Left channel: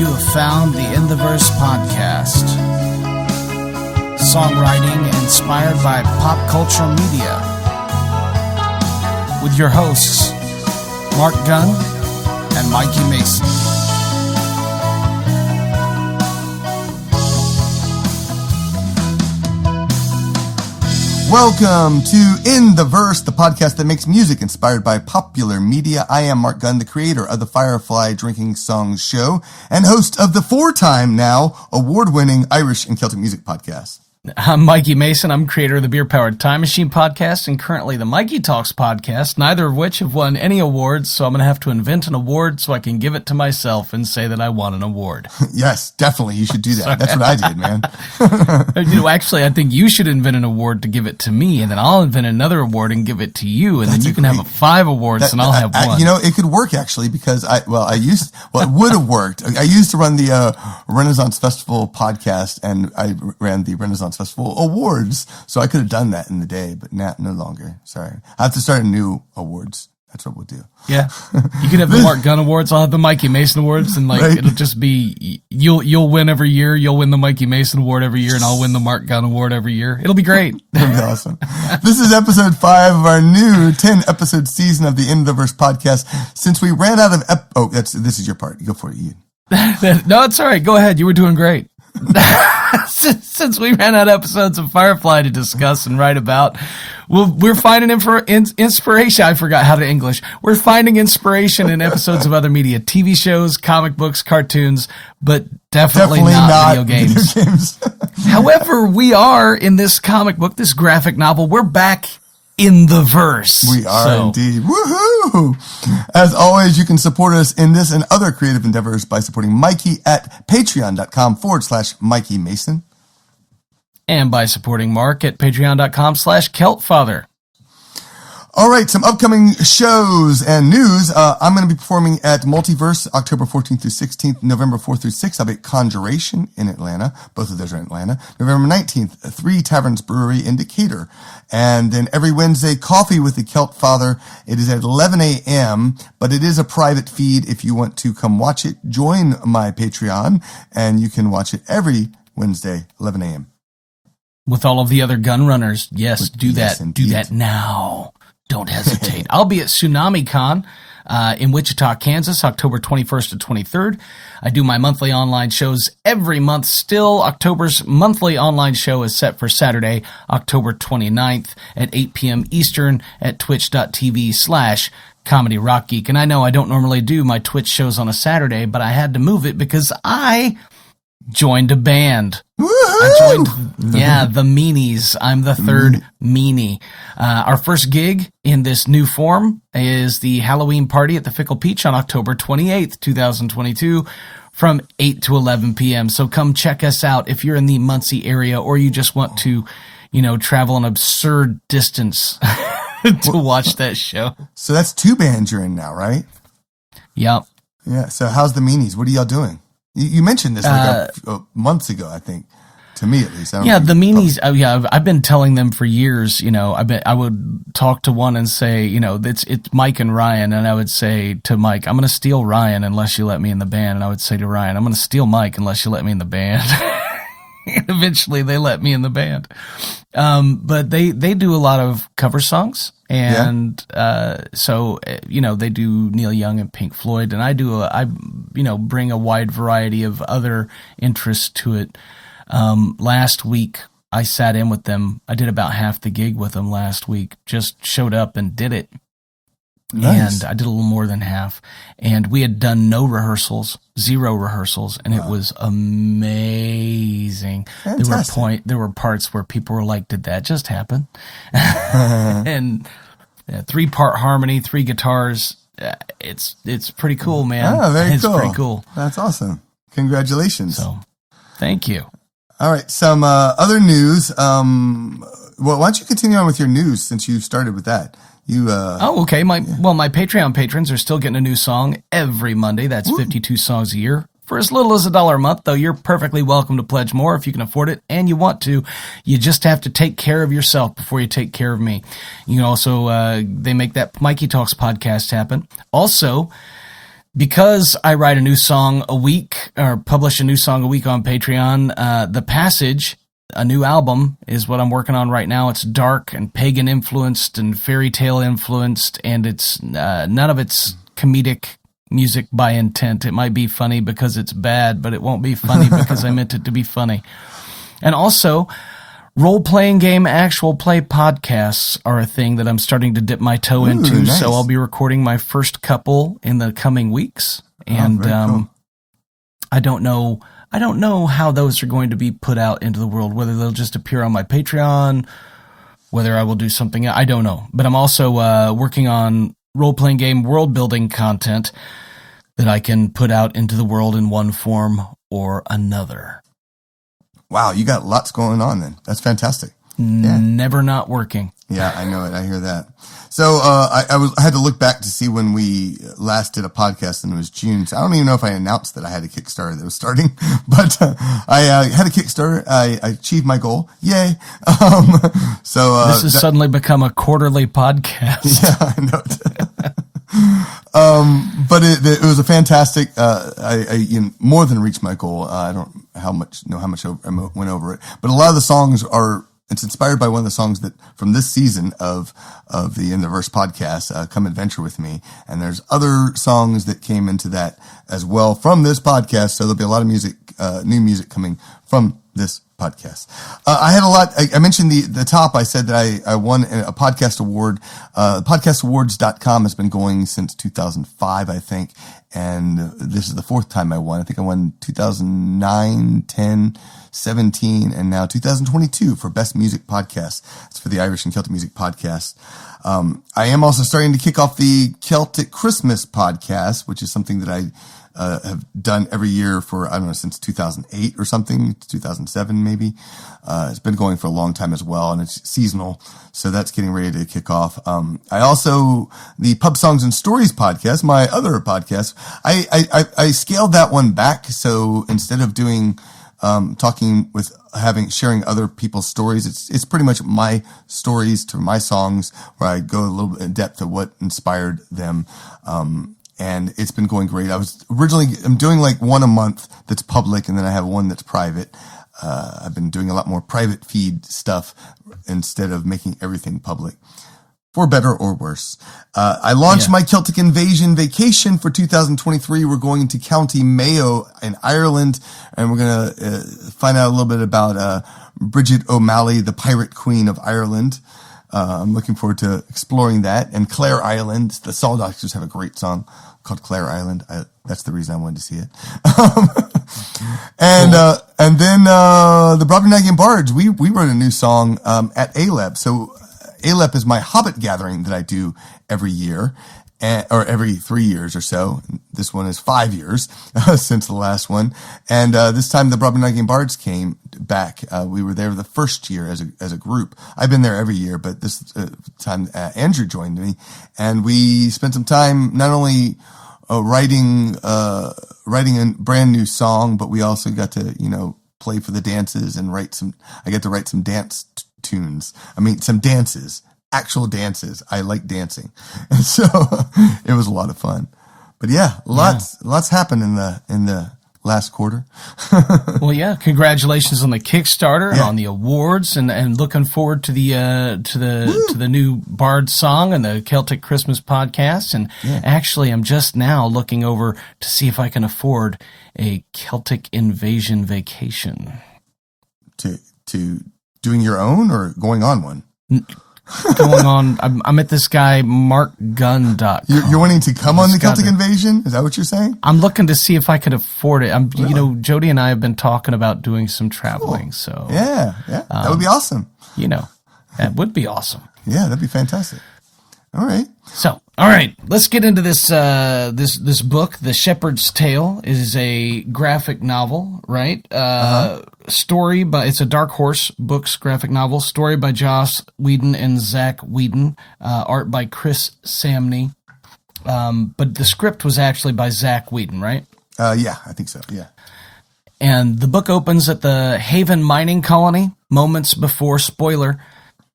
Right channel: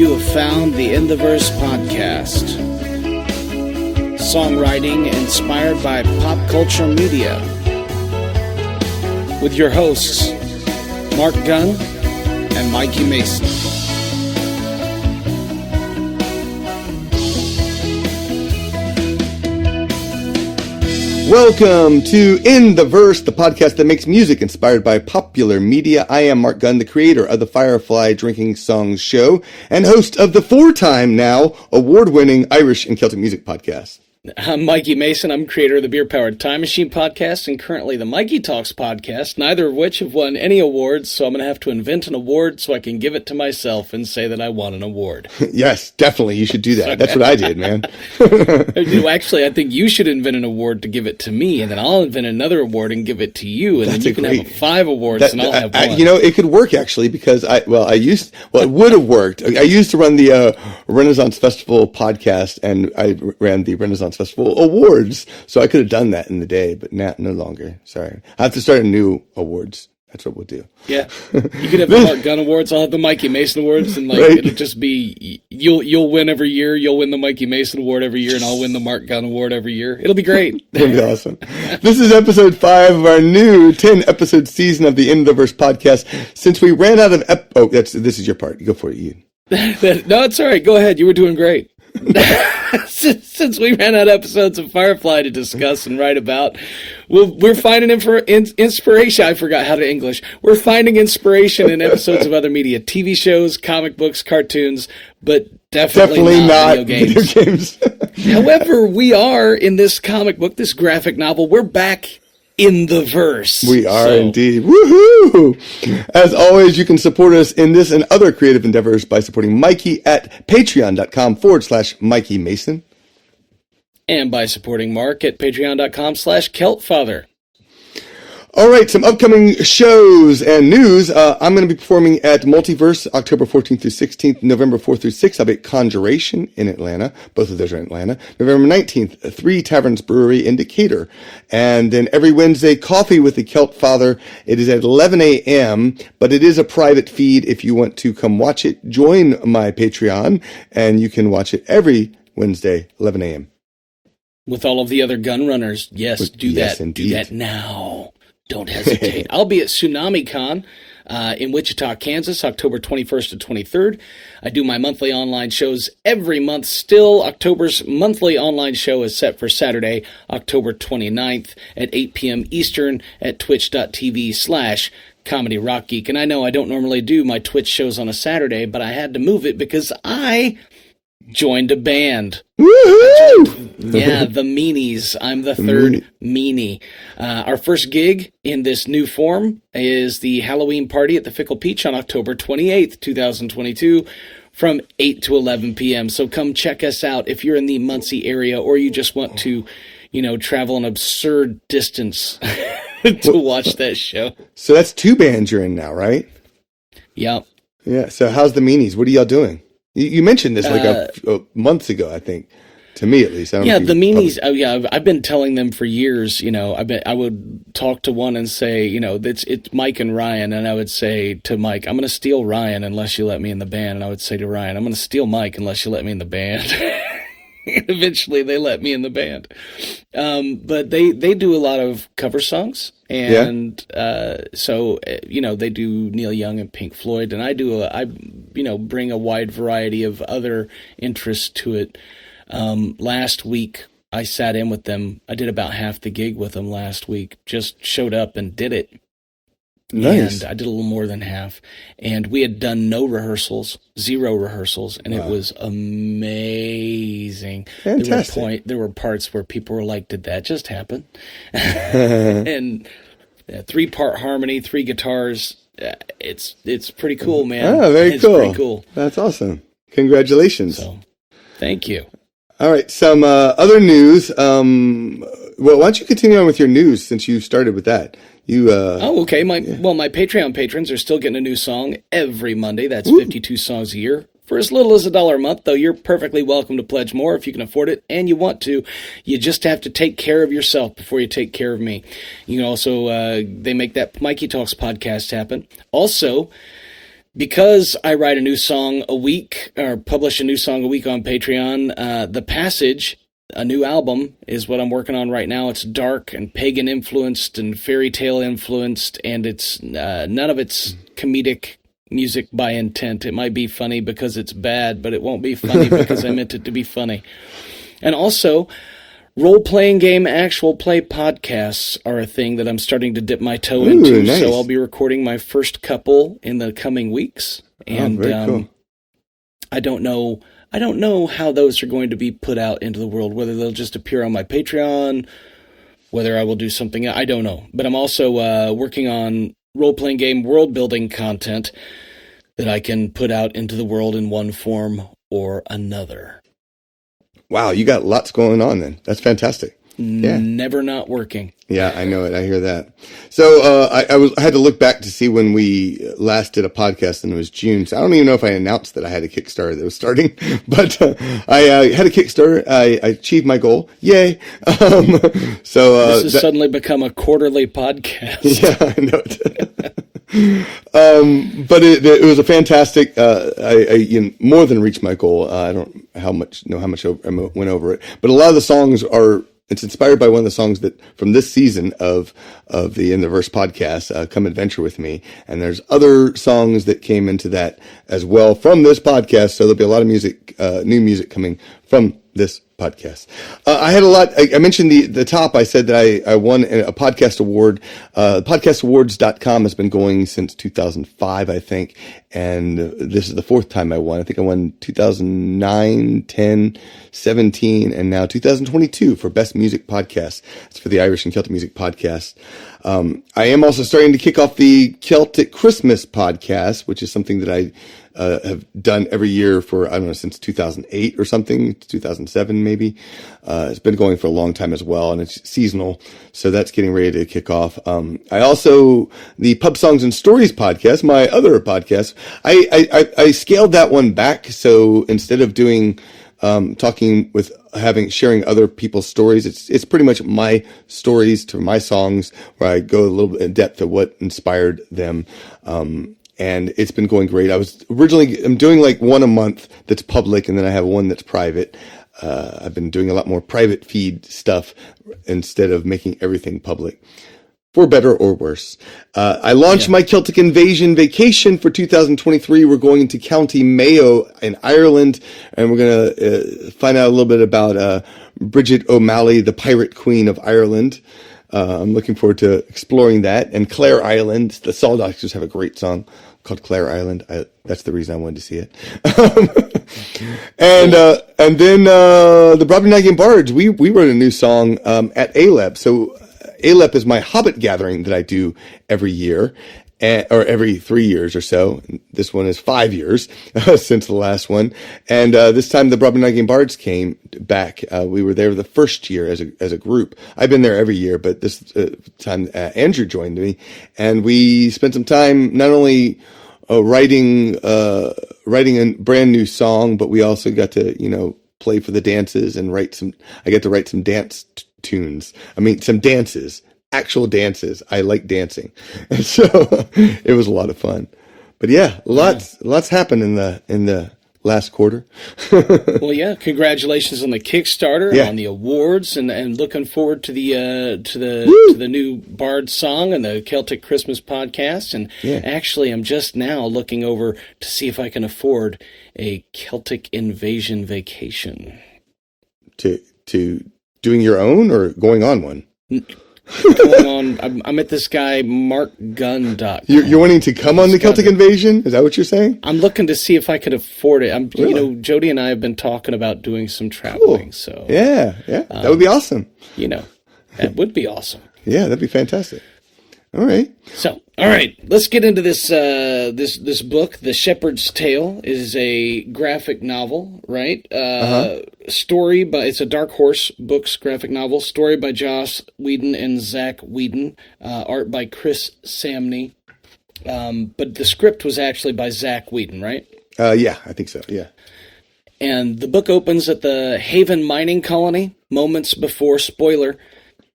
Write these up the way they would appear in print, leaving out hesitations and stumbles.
You have found the In the Verse podcast. Songwriting inspired by pop culture media. With your hosts, Marc Gunn and Mikey Mason. Welcome to In the Verse, the podcast that makes music inspired by popular media. I am Marc Gunn, the creator of the Firefly Drinking Songs show and host of the 4-time now award-winning Irish and Celtic Music Podcast. I'm Mikey Mason. I'm creator of the Beer Powered Time Machine podcast and currently the MIKEYtalks podcast, neither of which have won any awards, so I'm going to have to invent an award so I can give it to myself and say that I won an award. Yes, definitely. You should do that. That's what I did, man. Actually, I think you should invent an award to give it to me, and then I'll invent another award and give it to you, and then you can have 5 awards and I'll have one. It could work actually because it would have worked. I used to run the Renaissance Festival podcast, and I ran the Renaissance Festival Awards, so I could have done that in the day, but no longer. Sorry, I have to start a new awards. That's what we'll do. Yeah, you can have the Marc Gunn Awards. I'll have the Mikey Mason Awards, and right. It'll just be you'll win every year. You'll win the Mikey Mason Award every year, and I'll win the Marc Gunn Award every year. It'll be great. It'll be awesome. This is episode 5 of our new 10-episode season of the In the Verse podcast. Since we ran out of this is your part. Go for it, Ian. No, it's all right. Go ahead. You were doing great. Since we ran out of episodes of Firefly to discuss and write about, we're finding inspiration. I forgot how to English. We're finding inspiration in episodes of other media, TV shows, comic books, cartoons, but definitely not video games. However, we are in this comic book, this graphic novel. We're back in the verse. We are indeed. Woohoo! As always, you can support us in this and other creative endeavors by supporting Mikey at patreon.com/Mikey Mason. And by supporting Marc at patreon.com/KeltFather. All right, some upcoming shows and news. I'm going to be performing at Multiverse October 14th through 16th, November 4th through 6th. I'll be at Conjuration in Atlanta. Both of those are in Atlanta. November 19th, 3 Taverns Brewery in Decatur. And then every Wednesday, Coffee with the Celt Father. It is at 11 a.m., but it is a private feed. If you want to come watch it, join my Patreon, and you can watch it every Wednesday, 11 a.m. With all of the other gun runners. Yes, do that. Indeed. Do that now. Don't hesitate. I'll be at Tsunami Con in Wichita, Kansas, October 21st to 23rd. I do my monthly online shows every month still. October's monthly online show is set for Saturday, October 29th at 8 p.m. Eastern at twitch.tv/Comedy Rock Geek. And I know I don't normally do my Twitch shows on a Saturday, but I had to move it because I joined a band. Woohoo! The Meanies. I'm the third Meanie. Our first gig in this new form is the Halloween party at the Fickle Peach on October 28th, 2022 from 8 to 11 p.m. So come check us out if you're in the Muncie area or you just want to, travel an absurd distance to watch that show. So that's 2 bands you're in now, right? Yep. Yeah. So how's the Meanies? What are y'all doing? You mentioned this months ago, I think, to me at least. The Meanies. I've been telling them for years. I would talk to one and say, it's Mike and Ryan, and I would say to Mike, I'm going to steal Ryan unless you let me in the band, and I would say to Ryan, I'm going to steal Mike unless you let me in the band. And eventually, they let me in the band. But they do a lot of cover songs. And so they do Neil Young and Pink Floyd, and I bring a wide variety of other interests to it. Last week I sat in with them. I did about half the gig with them last week. Just showed up and did it. Nice. And I did a little more than half. And we had done 0 rehearsals, and wow. It was amazing. Fantastic. There were parts where people were like, did that just happen? And 3-part harmony, 3 guitars. It's pretty cool, man. Oh, very cool. It's pretty cool. That's awesome. Congratulations. So, thank you. All right. Some other news. Why don't you continue on with your news since you started with that? Okay. My Patreon patrons are still getting a new song every Monday. That's 52 songs a year. For as little as $1 a month, though, you're perfectly welcome to pledge more if you can afford it and you want to. You just have to take care of yourself before you take care of me. You can also, they make that MIKEYtalks podcast happen. Also, Because I write a new song a week, or publish a new song a week on Patreon, The Passage, a new album, is what I'm working on right now. It's dark and pagan influenced and fairy tale influenced, and it's none of it's comedic music by intent. It might be funny because it's bad, but it won't be funny because I meant it to be funny. And also, role-playing game actual play podcasts are a thing that I'm starting to dip my toe into. Nice. So I'll be recording my first couple in the coming weeks. And very cool. I don't know how those are going to be put out into the world, whether they'll just appear on my Patreon, whether I will do something. I don't know. But I'm also working on role-playing game world-building content that I can put out into the world in one form or another. Wow, you got lots going on then. That's fantastic. Yeah. Never not working. Yeah, I know it. I hear that. So I had to look back to see when we last did a podcast, and it was June. So I don't even know if I announced that I had a Kickstarter that was starting, but I had a Kickstarter. I achieved my goal. Yay! So this has suddenly become a quarterly podcast. Yeah, I know it. But it was a fantastic. I more than reached my goal. I don't know how much I went over it, but a lot of the songs are. It's inspired by one of the songs that from this season of the In the Verse podcast, Come Adventure With Me. And there's other songs that came into that as well from this podcast. So there'll be a lot of music, new music coming from this podcast. I had a lot. I mentioned the top. I said that I won a podcast award. Podcastawards.com has been going since 2005, I think. And this is the fourth time I won. I think I won 2009, 10, 17, and now 2022 for Best Music Podcast. It's for the Irish and Celtic Music Podcast. I am also starting to kick off the Celtic Christmas Podcast, which is something that I have done every year for, I don't know, since 2008 or something, 2007 maybe. It's been going for a long time as well, and it's seasonal, so that's getting ready to kick off. I also, the Pub Songs and Stories podcast, my other podcast, I scaled that one back, so instead of doing talking with sharing other people's stories, it's pretty much my stories to my songs, where I go a little bit in depth of what inspired them. And it's been going great. I'm doing like one a month that's public, and then I have one that's private. I've been doing a lot more private feed stuff instead of making everything public, for better or worse. I launched my Celtic Invasion vacation for 2023. We're going to County Mayo in Ireland, and we're going to find out a little bit about Bridget O'Malley, the Pirate Queen of Ireland. I'm looking forward to exploring that. And Clare Island, the Saw Doctors have a great song called Clare Island. That's the reason I wanted to see it. And then the Brobdingnagian Bards, we wrote a new song at ALEP. So ALEP is my Hobbit gathering that I do every year, or every 3 years or so. This one is 5 years since the last one. And this time the Brobdingnagian Bards came back. We were there the first year as a group. I've been there every year, but this time Andrew joined me, and we spent some time not only writing a brand new song, but we also got to play for the dances and I got to write some dance tunes. I mean, some dances. Actual dances. I like dancing. And so it was a lot of fun. But yeah, lots happened in the last quarter. Well, yeah, congratulations on the Kickstarter, on the awards, and looking forward to the new Bard song and the Celtic Christmas podcast. And actually, I'm just now looking over to see if I can afford a Celtic Invasion vacation. To doing your own or going on one? Going on, I'm at this guy marcgunn.com. You're wanting to come on the Celtic Invasion? Is that what you're saying? I'm looking to see if I could afford it. Jody and I have been talking about doing some traveling. Cool. So yeah, that would be awesome. That would be awesome. Yeah, that'd be fantastic. All right. So, all right, let's get into this this book. The Shepherd's Tale is a graphic novel, right? Story by, it's a Dark Horse Books graphic novel. Story by Joss Whedon and Zach Whedon. Art by Chris Samney. But the script was actually by Zach Whedon, right? Yeah, I think so. Yeah. And the book opens at the Haven mining colony, moments before, spoiler,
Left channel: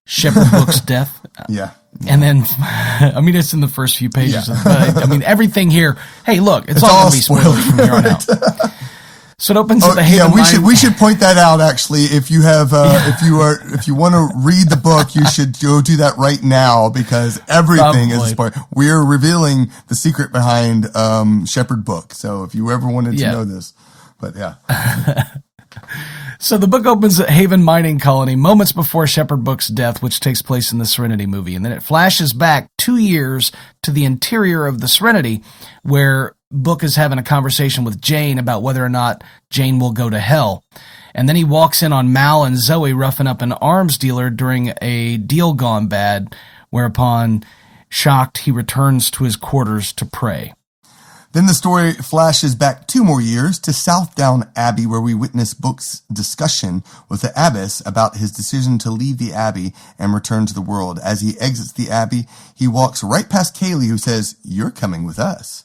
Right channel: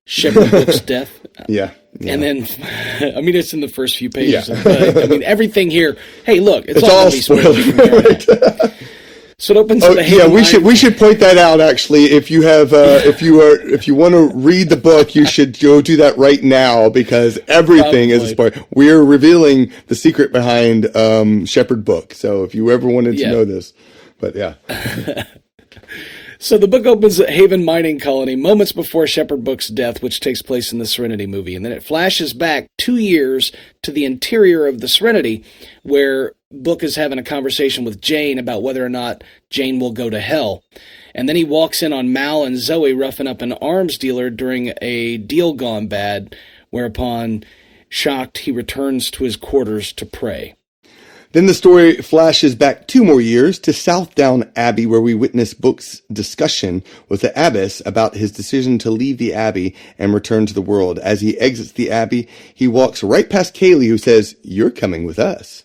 Shepherd Book's death. Yeah. And then, I mean, it's in the first few pages. But, I mean, everything here. Hey, look, it's all going to be spoilers from here on out. So it opens with a Haven we should point that out. Actually, if you have, if you want to read the book, you should go do that right now because everything is a spoiler. We're revealing the secret behind Shepherd Book. So if you ever wanted to know this, but yeah. So the book opens at Haven Mining Colony moments before Shepherd Book's death, which takes place in the Serenity movie. And then it flashes back 2 years to the interior of the Serenity, where Book is having a conversation with Jane about whether or not Jane will go to hell. And then he walks in on Mal and Zoe roughing up an arms dealer during a deal gone bad, whereupon, shocked, he returns to his quarters to pray. Then the story flashes back 2 more years to Southdown Abbey, where we witness Book's discussion with the abbess about his decision to leave the abbey and return to the world. As he exits the abbey, he walks right past Kaylee, who says, "You're coming with us."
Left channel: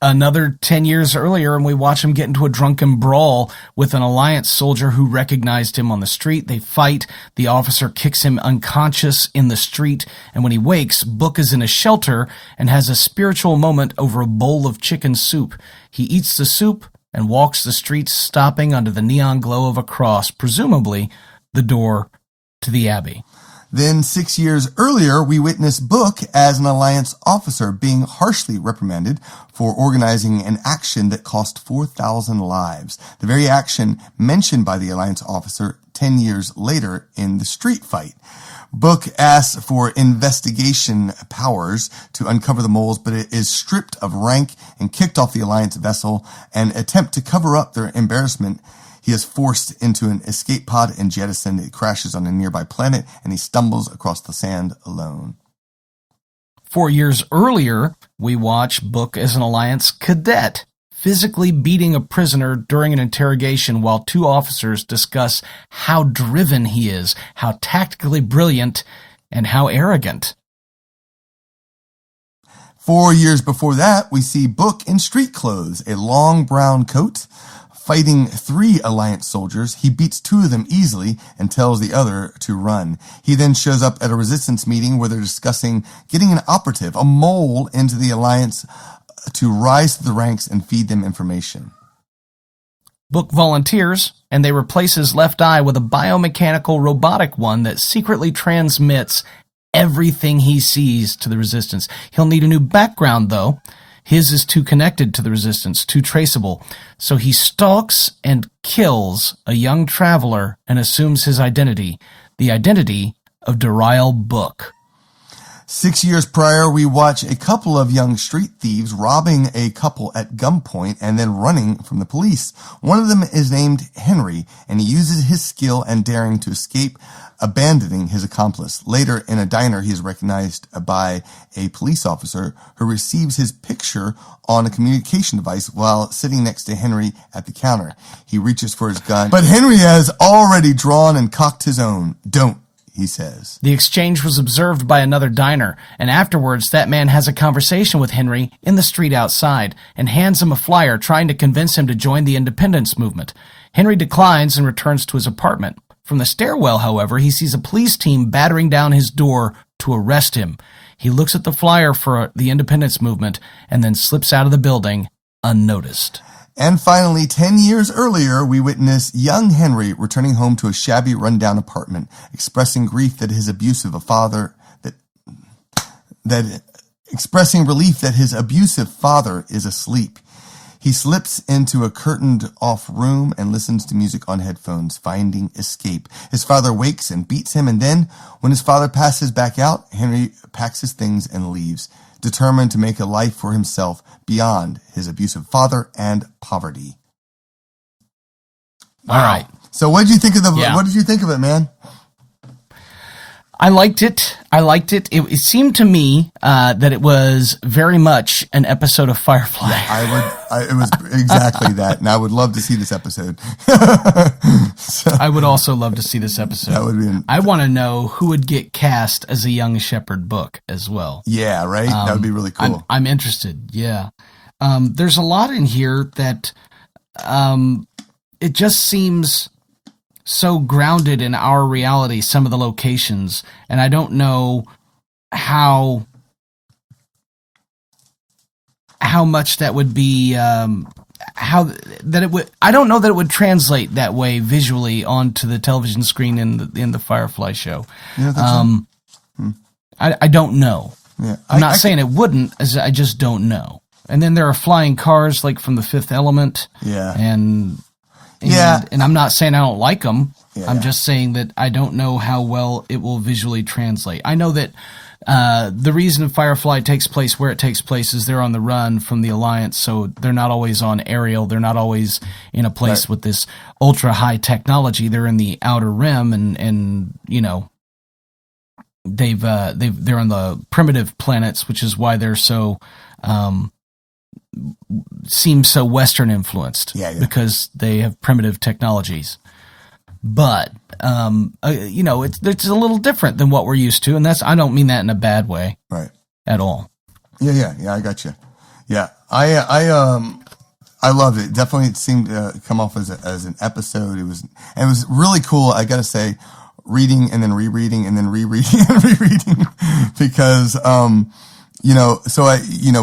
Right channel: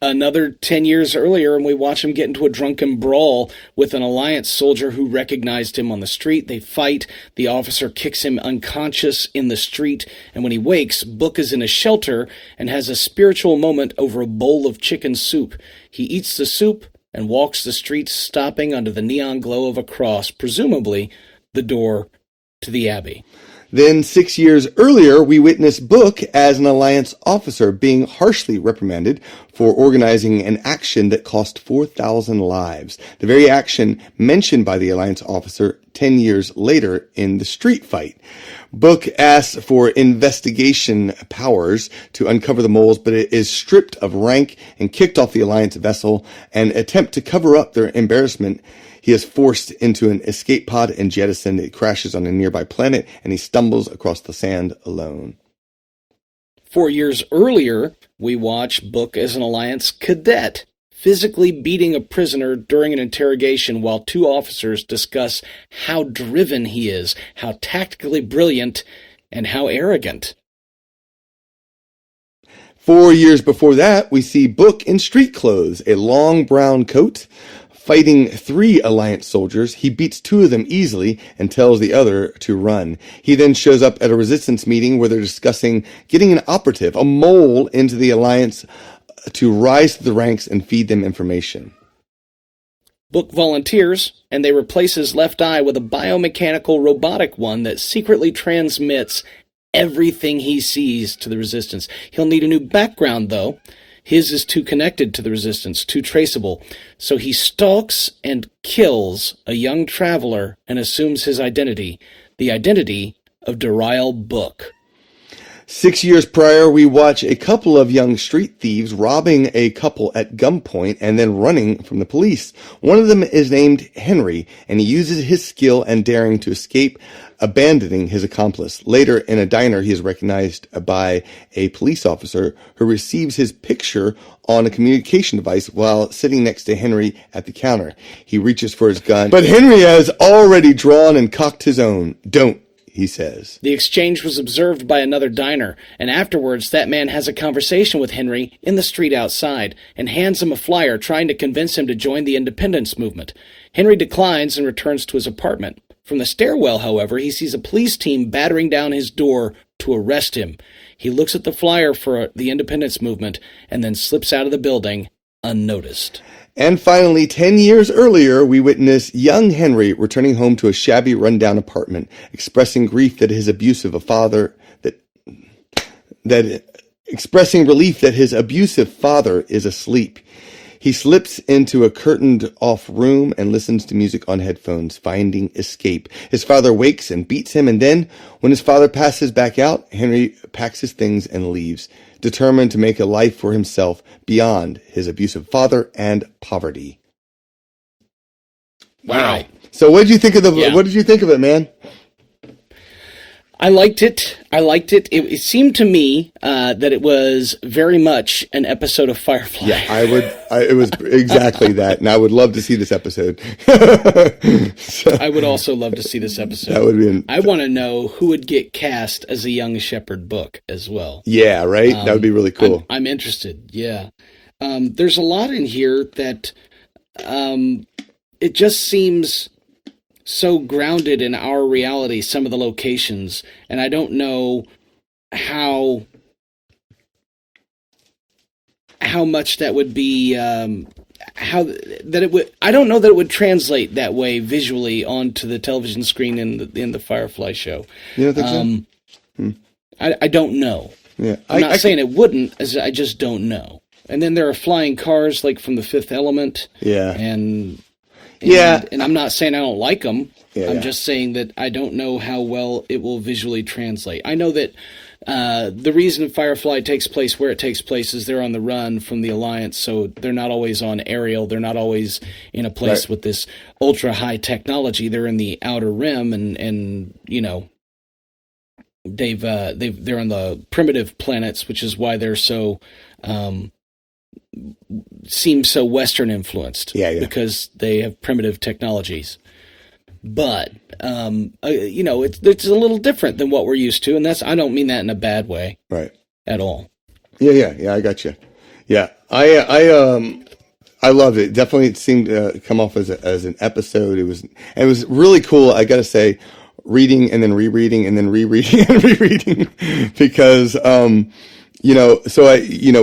Another 10 years earlier, and we watch him get into a drunken brawl with an Alliance soldier who recognized him on the street. They fight. The officer kicks him unconscious in the street, and when he wakes, Book is in a shelter and has a spiritual moment over a bowl of chicken soup. He eats the soup and walks the streets, stopping under the neon glow of a cross, presumably the door to the Abbey. Then 6 years earlier, we witness Book as an Alliance officer being harshly reprimanded for organizing an action that cost 4,000 lives. The very action mentioned by the Alliance officer 10 years later in the street fight. Book asks for investigation powers to uncover the moles, but it is stripped of rank and kicked off the Alliance vessel. An attempt to cover up their embarrassment, he is forced into an escape pod and jettisoned. It crashes on a nearby planet, and he stumbles across the sand alone. 4 years earlier, we watch Book as an Alliance cadet, physically beating a prisoner during an interrogation while 2 officers discuss how driven he is, how tactically brilliant, and how arrogant. 4 years before that, we see Book in street clothes, a long brown coat, fighting 3 Alliance soldiers. He beats 2 of them easily and tells the other to run. He then shows up at a resistance meeting where they're discussing getting an operative, a mole, into the Alliance to rise to the ranks and feed them information. Book volunteers, and they replace his left eye with a biomechanical robotic one that secretly transmits everything he sees to the Resistance. He'll need a new background, though. His is too connected to the Resistance, too traceable. So he stalks and kills a young traveler and assumes his identity, the identity of Dariel Book. 6 years prior, we watch a couple of young street thieves robbing a couple at gunpoint and then running from the police. One of them is named Henry, and he uses his skill and daring to escape, abandoning his accomplice. Later, in a diner, he is recognized by a police officer who receives his picture on a communication device while sitting next to Henry at the counter. He reaches for his gun, but Henry has already drawn and cocked his own. "Don't," he says. The exchange was observed by another diner, and afterwards that man has a conversation with Henry in the street outside and hands him a flyer trying to convince him to join the independence movement. Henry declines and returns to his apartment. From the stairwell, however, he sees a police team battering down his door to arrest him. He looks at the flyer for the independence movement and then slips out of the building unnoticed. And finally, 10 years earlier, we witness young Henry returning home to a shabby, rundown apartment, expressing grief that his abusive father, expressing relief that his abusive father is asleep. He slips into a curtained-off room and listens to music on headphones, finding escape. His father wakes and beats him, and then, when his father passes back out, Henry packs his things and leaves, determined to make a life for himself beyond his abusive father and poverty. Wow. All right. So what did you think of what did you think of it, man? I liked it. It seemed to me that it was very much an episode of Firefly. Yeah, it was exactly that, and I would love to see this episode. I would also love to see this episode. That would be. I want to know who would get cast as a young Shepherd Book as well. Yeah, right. That would be really cool. I'm interested. Yeah, there's a lot in here that it just seems so grounded in our reality, some of the locations, and I don't know how much that would be, how that it would. I don't know that it would translate that way visually onto the television screen in the Firefly show. You don't think so? I don't know. Yeah, I'm not saying it wouldn't. I just don't know. And then there are flying cars like from The Fifth Element. Yeah. And I'm not saying I don't like them. Yeah, I'm just saying that I don't know how well it will visually translate. I know that the reason Firefly takes place where it takes place is they're on the run from the Alliance, so they're not always on aerial. They're not always in a place with this ultra high technology. They're in the Outer Rim, and you know, they're on the primitive planets, which is why they're so seem so Western influenced. Because they have primitive technologies. But you know, it's a little different than what we're used to, and I don't mean that in a bad way, right? At all. Yeah. I got you. Yeah, I loved it. Definitely, it seemed to come off as an episode. It was really cool. I got to say, reading and then rereading and then rereading and rereading because you know, so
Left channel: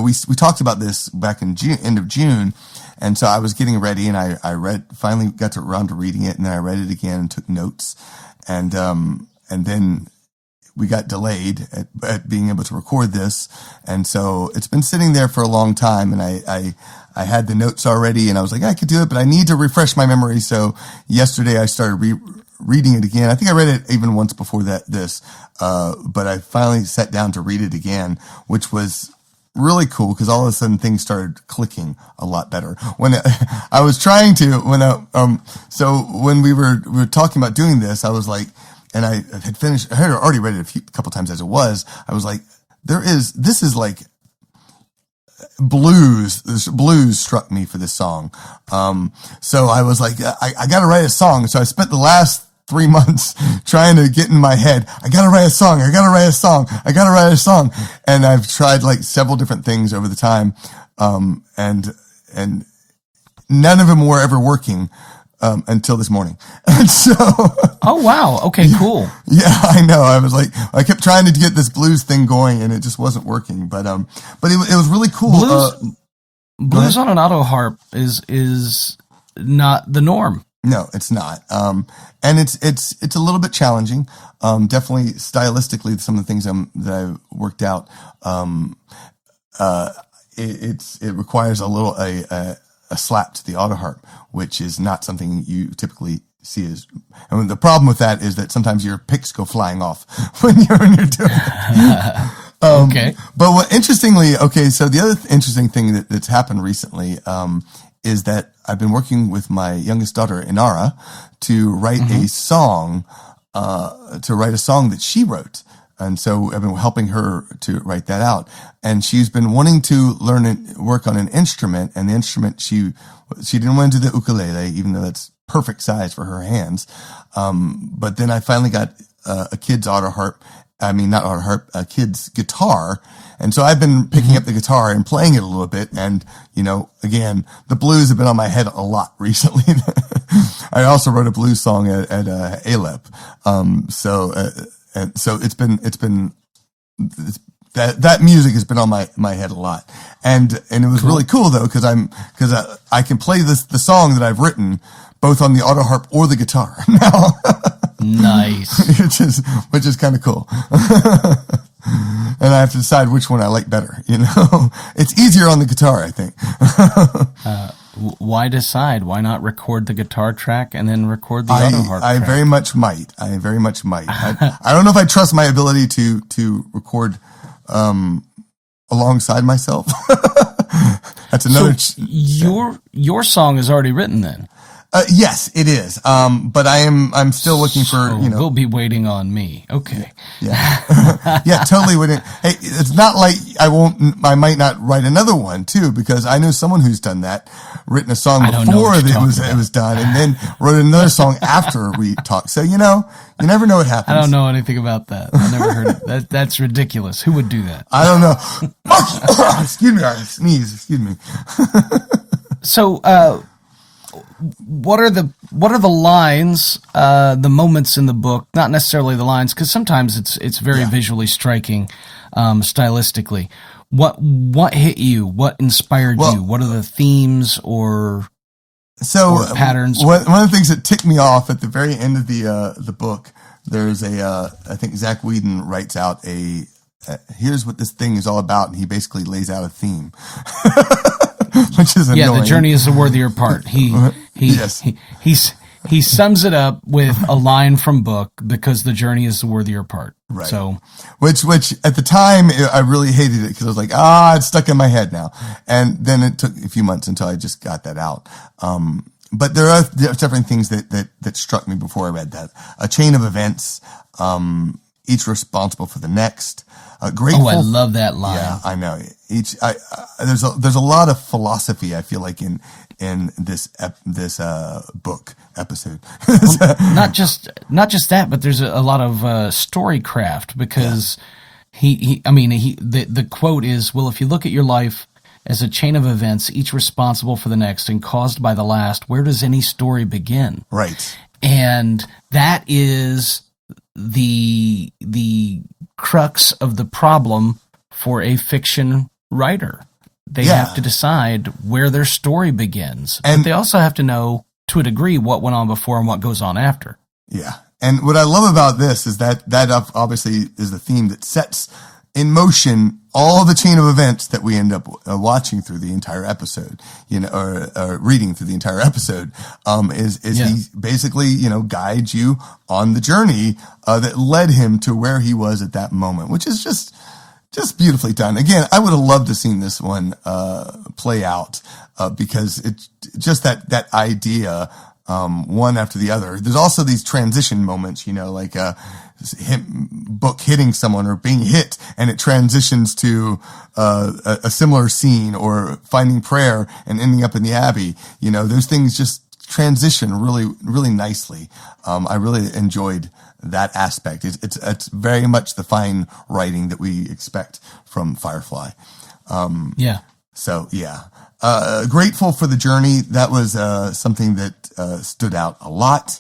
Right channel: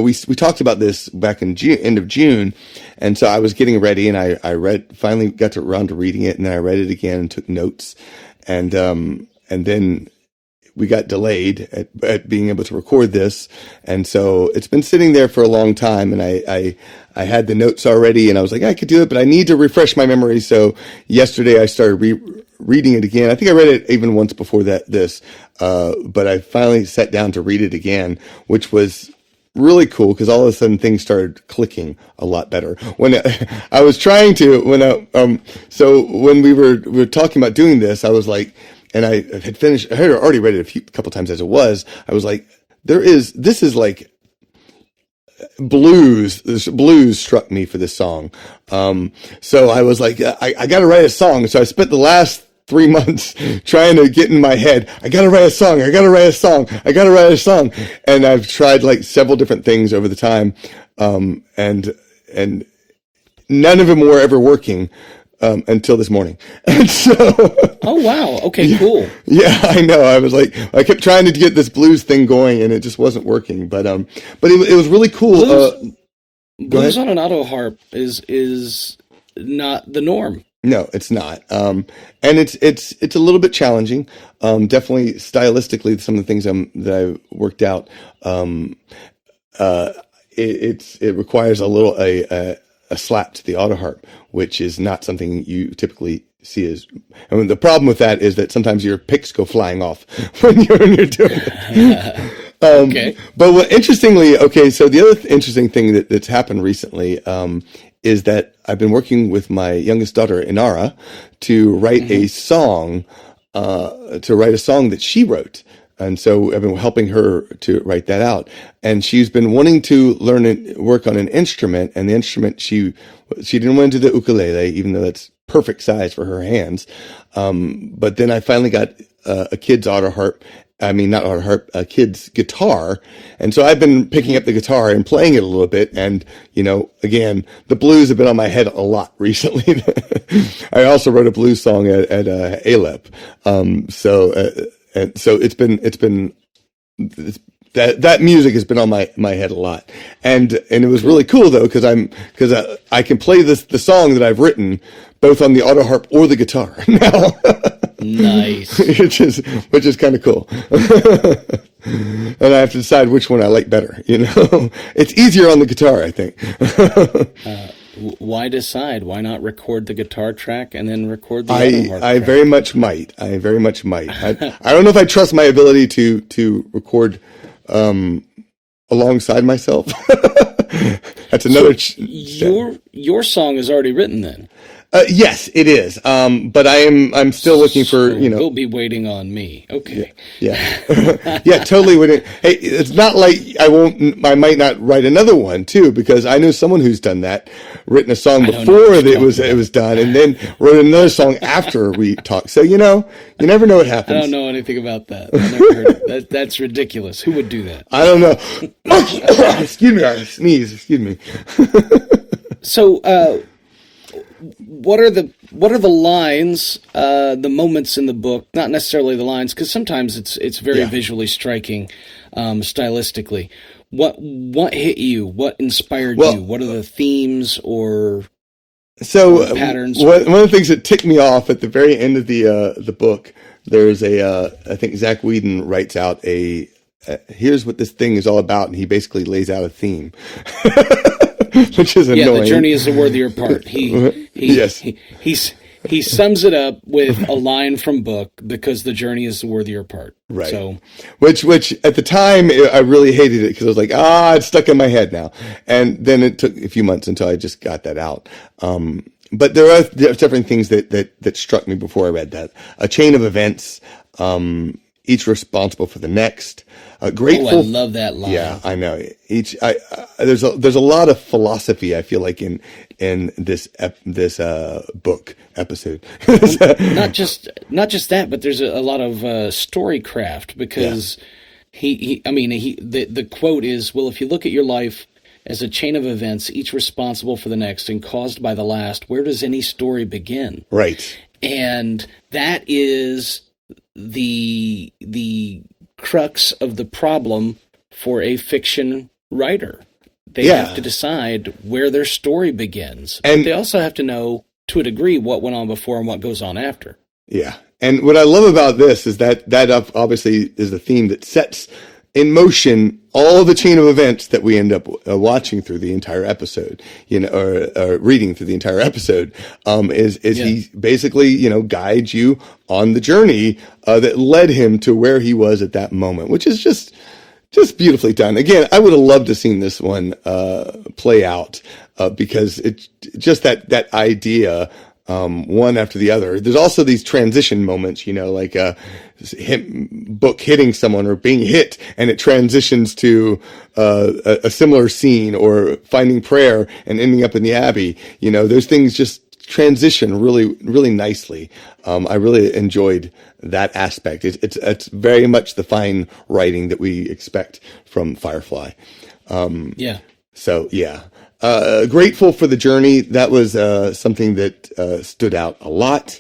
we talked about this back in end of June. And so I was getting ready and I finally got around to reading it, and then I read it again and took notes. And then we got delayed at being able to record this. And so it's been sitting there for a long time, and I had the notes already, and I was like, I could do it, but I need to refresh my memory. So yesterday I started reading it again. I think I read it even once before this, but I finally sat down to read it again, which was really cool because all of a sudden things started clicking a lot better. When I was trying to, so when we were talking about doing this, I was like, and I had already read it a couple times as it was. I was like, this is like blues. This blues struck me for this song. So I was like, I got to write a song. So I spent the last 3 months trying to get in my head, I gotta write a song. And I've tried like several different things over the time. And none of them were ever working, until this morning. And so. Oh, wow. Okay, cool. Yeah, I know. I was like, I kept trying to get this blues thing going and it just wasn't working. But it was really cool. Blues on an auto harp is not the norm. No, it's not. And it's a little bit challenging. Definitely stylistically, some of the things that I worked out. It requires a slap to the auto harp, which is not something you typically see as. And the problem with that is that sometimes your picks go flying off when you're doing it. Okay. But interestingly, so the other interesting thing that's happened recently, is that I've been working with my youngest daughter, Inara, to write a song, that she wrote. And so I've been helping her to write that out. And she's been wanting to learn and work on an instrument. And the instrument, she didn't want to do the ukulele, even though that's perfect size for her hands. But then I finally got a kid's auto harp. I mean, not auto harp, a kid's guitar. And so I've been picking up the guitar and playing it a little bit. And, again, the blues have been on my head a lot recently. I also wrote a blues song at Alep. So that music has been on my head a lot. And it was really cool though, because I can play the song that I've written both on the auto harp or the guitar now. Nice. which is kind of cool. And I have to decide which one I like better, It's easier on the guitar, I think. Why decide? Why not record the guitar track and then record the auto harp I track? very much might. I don't know if I trust my ability to record alongside myself. That's another. Your song is already written then. Yes, it is. But I'm still looking for, We'll be waiting on me. Okay. Yeah. Yeah, totally wouldn't. Hey, it's not like I might not write another one too, because I know someone who's done that, written a song before it was done and then wrote another song after we talked. So, you never know what happens. I don't know anything about that. I never heard of that. That's ridiculous. Who would do that? I don't know. Excuse me, I sneeze. Excuse me. So, what are the lines, the moments in the book? Not necessarily the lines, because sometimes it's very visually striking, stylistically. What hit you? What inspired you? What are the themes or patterns? One of the things that ticked me off at the very end of the book, there's I think Zach Whedon writes out here's what this thing is all about, and he basically lays out a theme. Which is annoying. Yeah, the journey is the worthier part. He sums it up with a line from book, because the journey is the worthier part. Right. So, which at the time I really hated it, because I was like, it's stuck in my head now. And then it took a few months until I just got that out. But there are different things that struck me before I read that. A chain of events, each responsible for the next. Grateful. Oh, I love that line. Yeah, I know. There's a lot of philosophy, I feel like, in this book episode. Well, not just that, but there's a lot of storycraft, because the quote is, well, if you look at your life as a chain of events, each responsible for the next and caused by the last, where does any story begin? Right. And that is the crux of the problem for a fiction writer. They have to decide where their story begins, but they also have to know, to a degree, what went on before and what goes on after. Yeah. And what I love about this is that obviously is the theme that sets in motion all the chain of events that we end up watching through the entire episode, or reading through the entire episode. He basically, guides you on the journey that led him to where he was at that moment, which is just beautifully done. Again, I would have loved to have seen this one play out, because it's just that idea, one after the other. There's also these transition moments, like book hitting someone or being hit, and it transitions to a similar scene, or finding prayer and ending up in the Abbey. Those things just transition really, really nicely. I really enjoyed that aspect. It's very much the fine writing that we expect from Firefly. So yeah. Grateful for the journey. That was something that stood out a lot.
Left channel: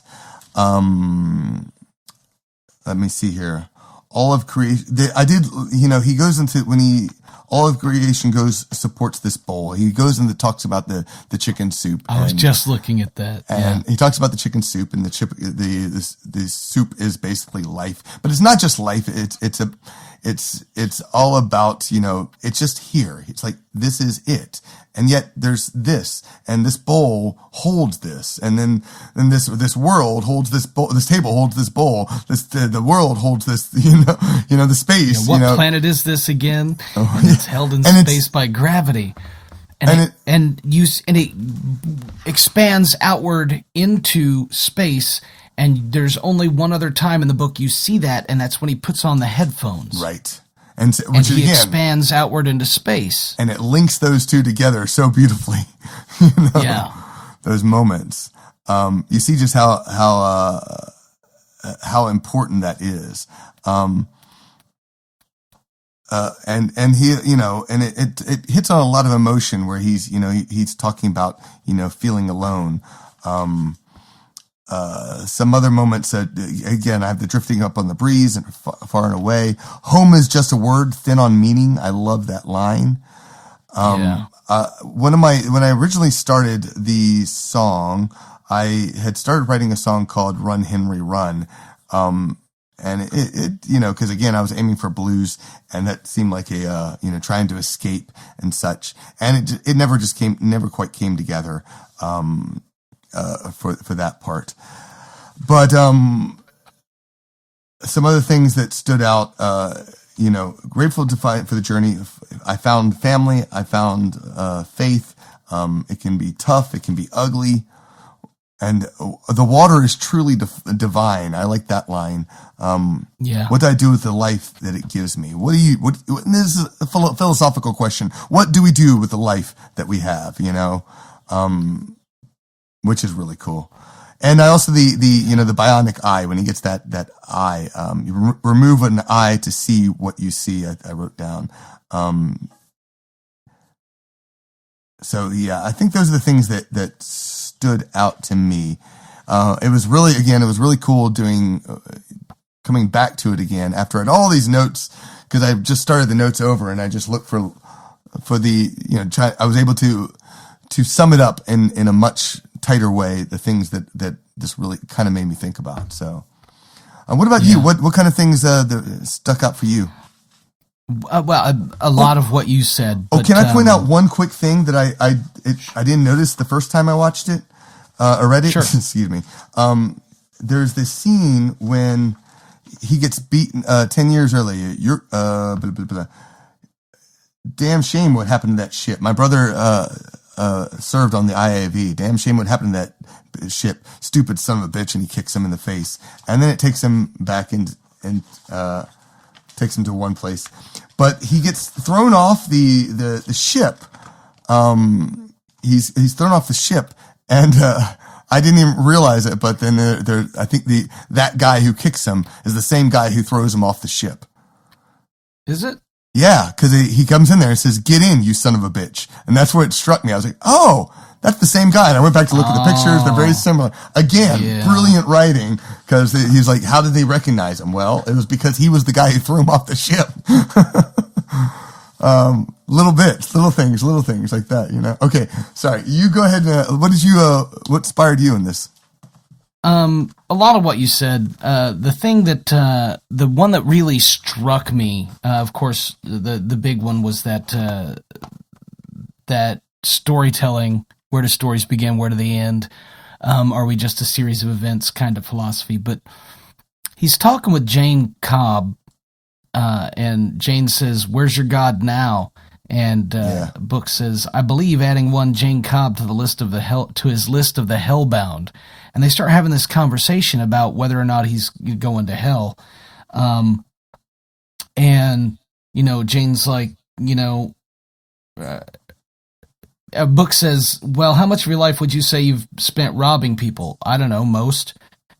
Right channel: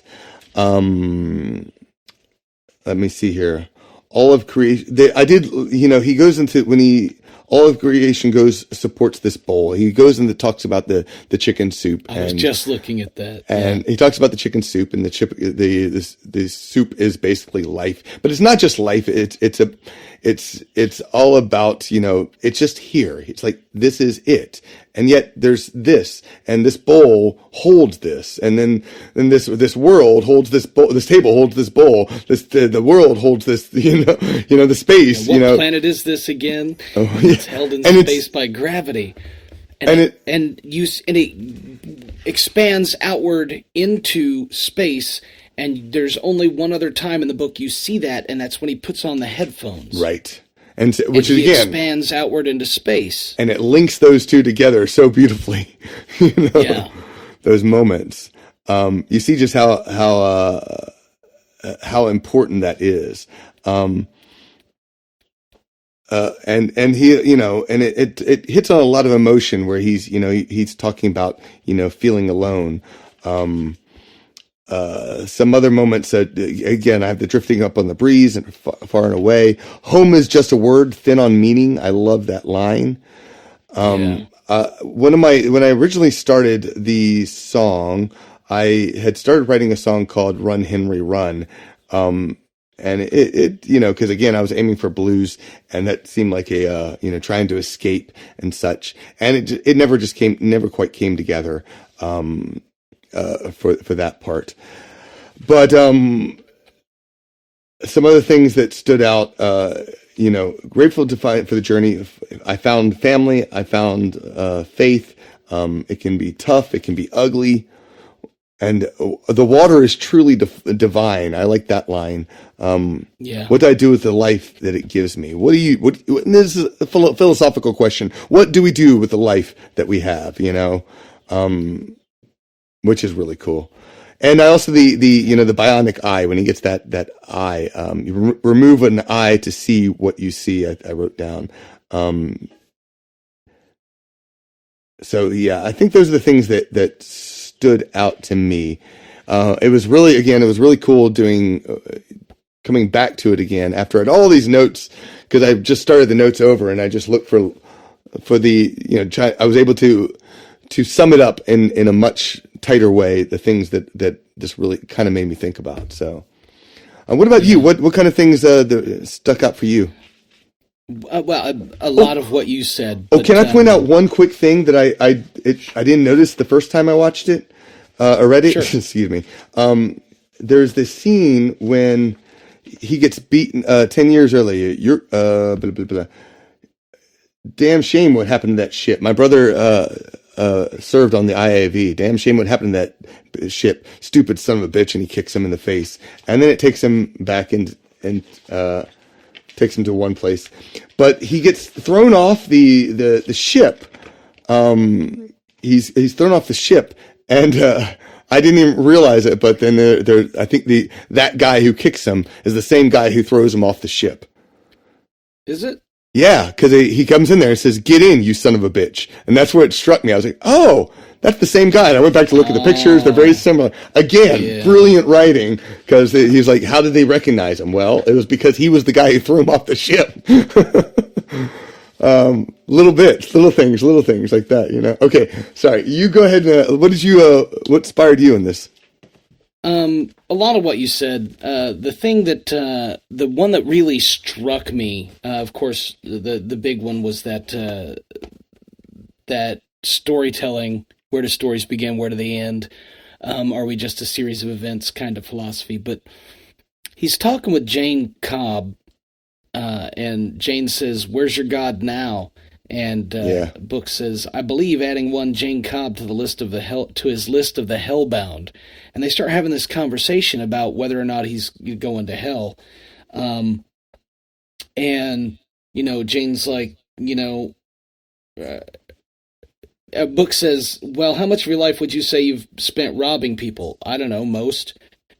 Let me see here. All of creation. He goes into all of creation supports this bowl. He goes and talks about the chicken soup. I was just looking at that. And he talks about the chicken soup, and the soup is basically life, but it's not just life. It's all about, it's just here. It's like, this is it. And yet there's this, and this bowl holds this. And then this world holds this bowl, this table holds this bowl, the world holds this, the space. What planet is this again? Oh, yeah. It's held in space by gravity. And it expands outward into space. And there's only one other time in the book you see that, and that's when he puts on the headphones. Right. Which he expands outward into space. And it links those two together so beautifully. Those moments. You see just how important that is. And he, and it hits on a lot of emotion, where he's talking about, feeling alone. Some other moments, again, I have the drifting up on the breeze and far and away. Home is just a word, thin on meaning. I love that line. When I originally started the song, I had started writing a song called Run Henry Run. And cause again, I was aiming for blues, and that seemed like trying to escape and such. And it never quite came together. For that part. But some other things that stood out, grateful for the journey. I found family. I found faith. It can be tough. It can be ugly. And the water is truly divine. I like that line. What do I do with the life that it gives me? And this is a philosophical question. What do we do with the life that we have, which is really cool. And I also, the bionic eye, when he gets that eye, you remove an eye to see what you see. I wrote down. So yeah, I think those are the things that stood out to me. It was really cool coming back to it again after I had all these notes, because I just started the notes over and I just looked for I was able to sum it up in a much tighter way, the things that this really kind of made me think about. So, what about you? What kind of things stuck out for you? Well, a lot of what you said. But, can I point out one quick thing that I didn't notice the first time I watched it? Already? Sure. Excuse me. There's this scene when he gets beaten 10 years earlier. Blah, blah, blah. Damn shame what happened to that ship. My brother served on the IAV. Damn shame what happened to that ship. Stupid son of a bitch, and he kicks him in the face. And then it takes him back and takes him to one place. But he gets thrown off the ship. He's thrown off the ship, and I didn't even realize it. But then I think that guy who kicks him is the same guy who throws him off the ship. Is it? Yeah, because he comes in there and says, "Get in, you son of a bitch," and that's where it struck me. I was like, "Oh, that's the same guy." And I went back to look at the pictures; they're very similar. Again, brilliant writing, because he's like, "How did they recognize him?" Well, it was because he was the guy who threw him off the ship. Little things like that, Okay, sorry. You go ahead. What inspired you in this? A lot of what you said. The thing that the one that really struck me, of course, the big one was that storytelling. Where do stories begin? Where do they end? Are we just a series of events? Kind of philosophy. But he's talking with Jane Cobb, and Jane says, "Where's your God now?" And Book says, "I believe adding one Jane Cobb to his list of the hellbound." And they start having this conversation about whether or not he's going to hell. And Jane's like, Book says, "Well, how much of your life would you say you've spent robbing people?" "I don't know, most."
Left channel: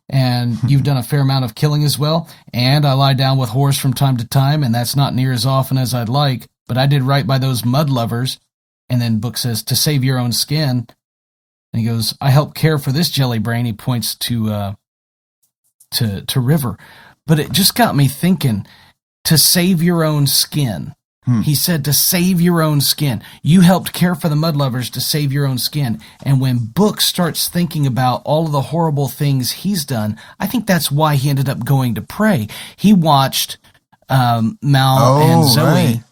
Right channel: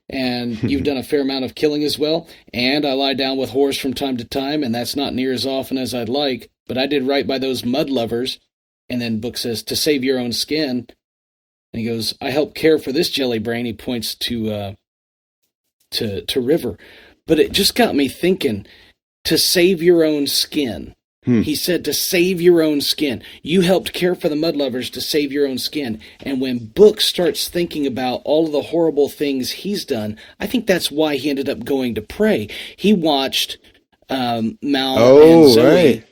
"And you've done a fair amount of killing as well?" "And I lie down with whores from time to time, and that's not near as often as I'd like. But I did right by those mud lovers." And then Book says, "To save your own skin." And he goes, "I help care for this jelly brain." He points to River. But it just got me thinking, to save your own skin. He said to save your own skin. You helped care for the mud lovers to save your own skin. And when Book starts thinking about all of the horrible things he's done, I think that's why he ended up going to pray. He watched Mal and Zoe. Right.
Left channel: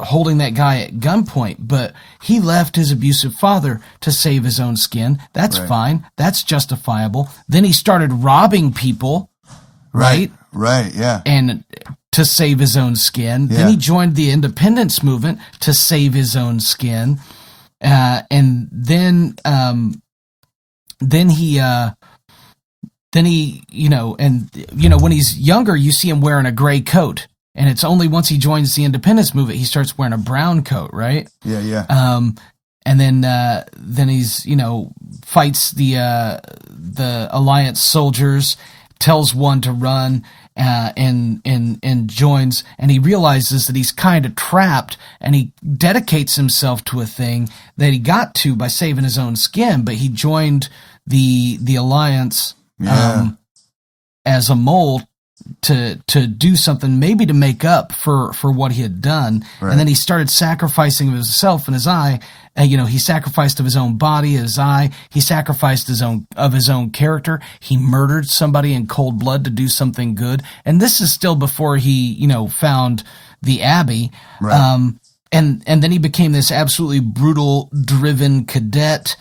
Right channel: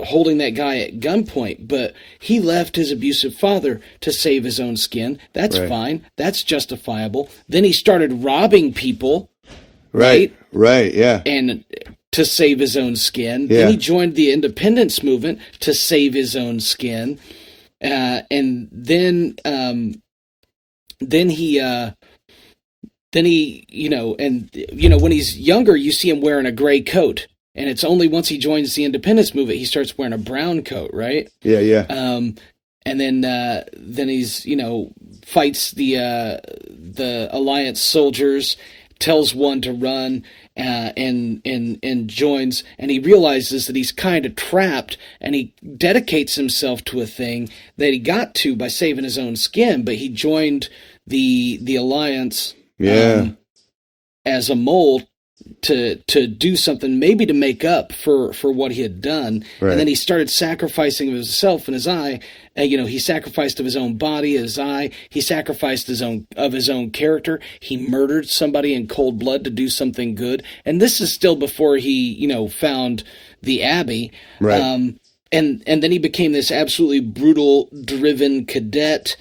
Holding that guy at gunpoint, but he left his abusive father to save his own skin. That's fine. That's justifiable. Then he started robbing people, right? Right, yeah. And to save his own skin. Yeah. Then he joined the independence movement to save his own skin. And then he when he's younger, you see him wearing a gray coat. And it's only once he joins the independence movement he starts wearing a brown coat, right? Yeah, yeah. And then he's fights the Alliance soldiers, tells one to run, and joins, and he realizes that he's kind of trapped, and he dedicates himself to a thing that he got to by saving his own skin, but he joined the Alliance as a mole to do something, maybe to make up for what he had done. Right. And then he started sacrificing of himself and his eye. He sacrificed of his own body, his eye. He sacrificed his own character. He murdered somebody in cold blood to do something good. And this is still before he, found the Abbey. Right. And then he became this absolutely brutal, driven cadet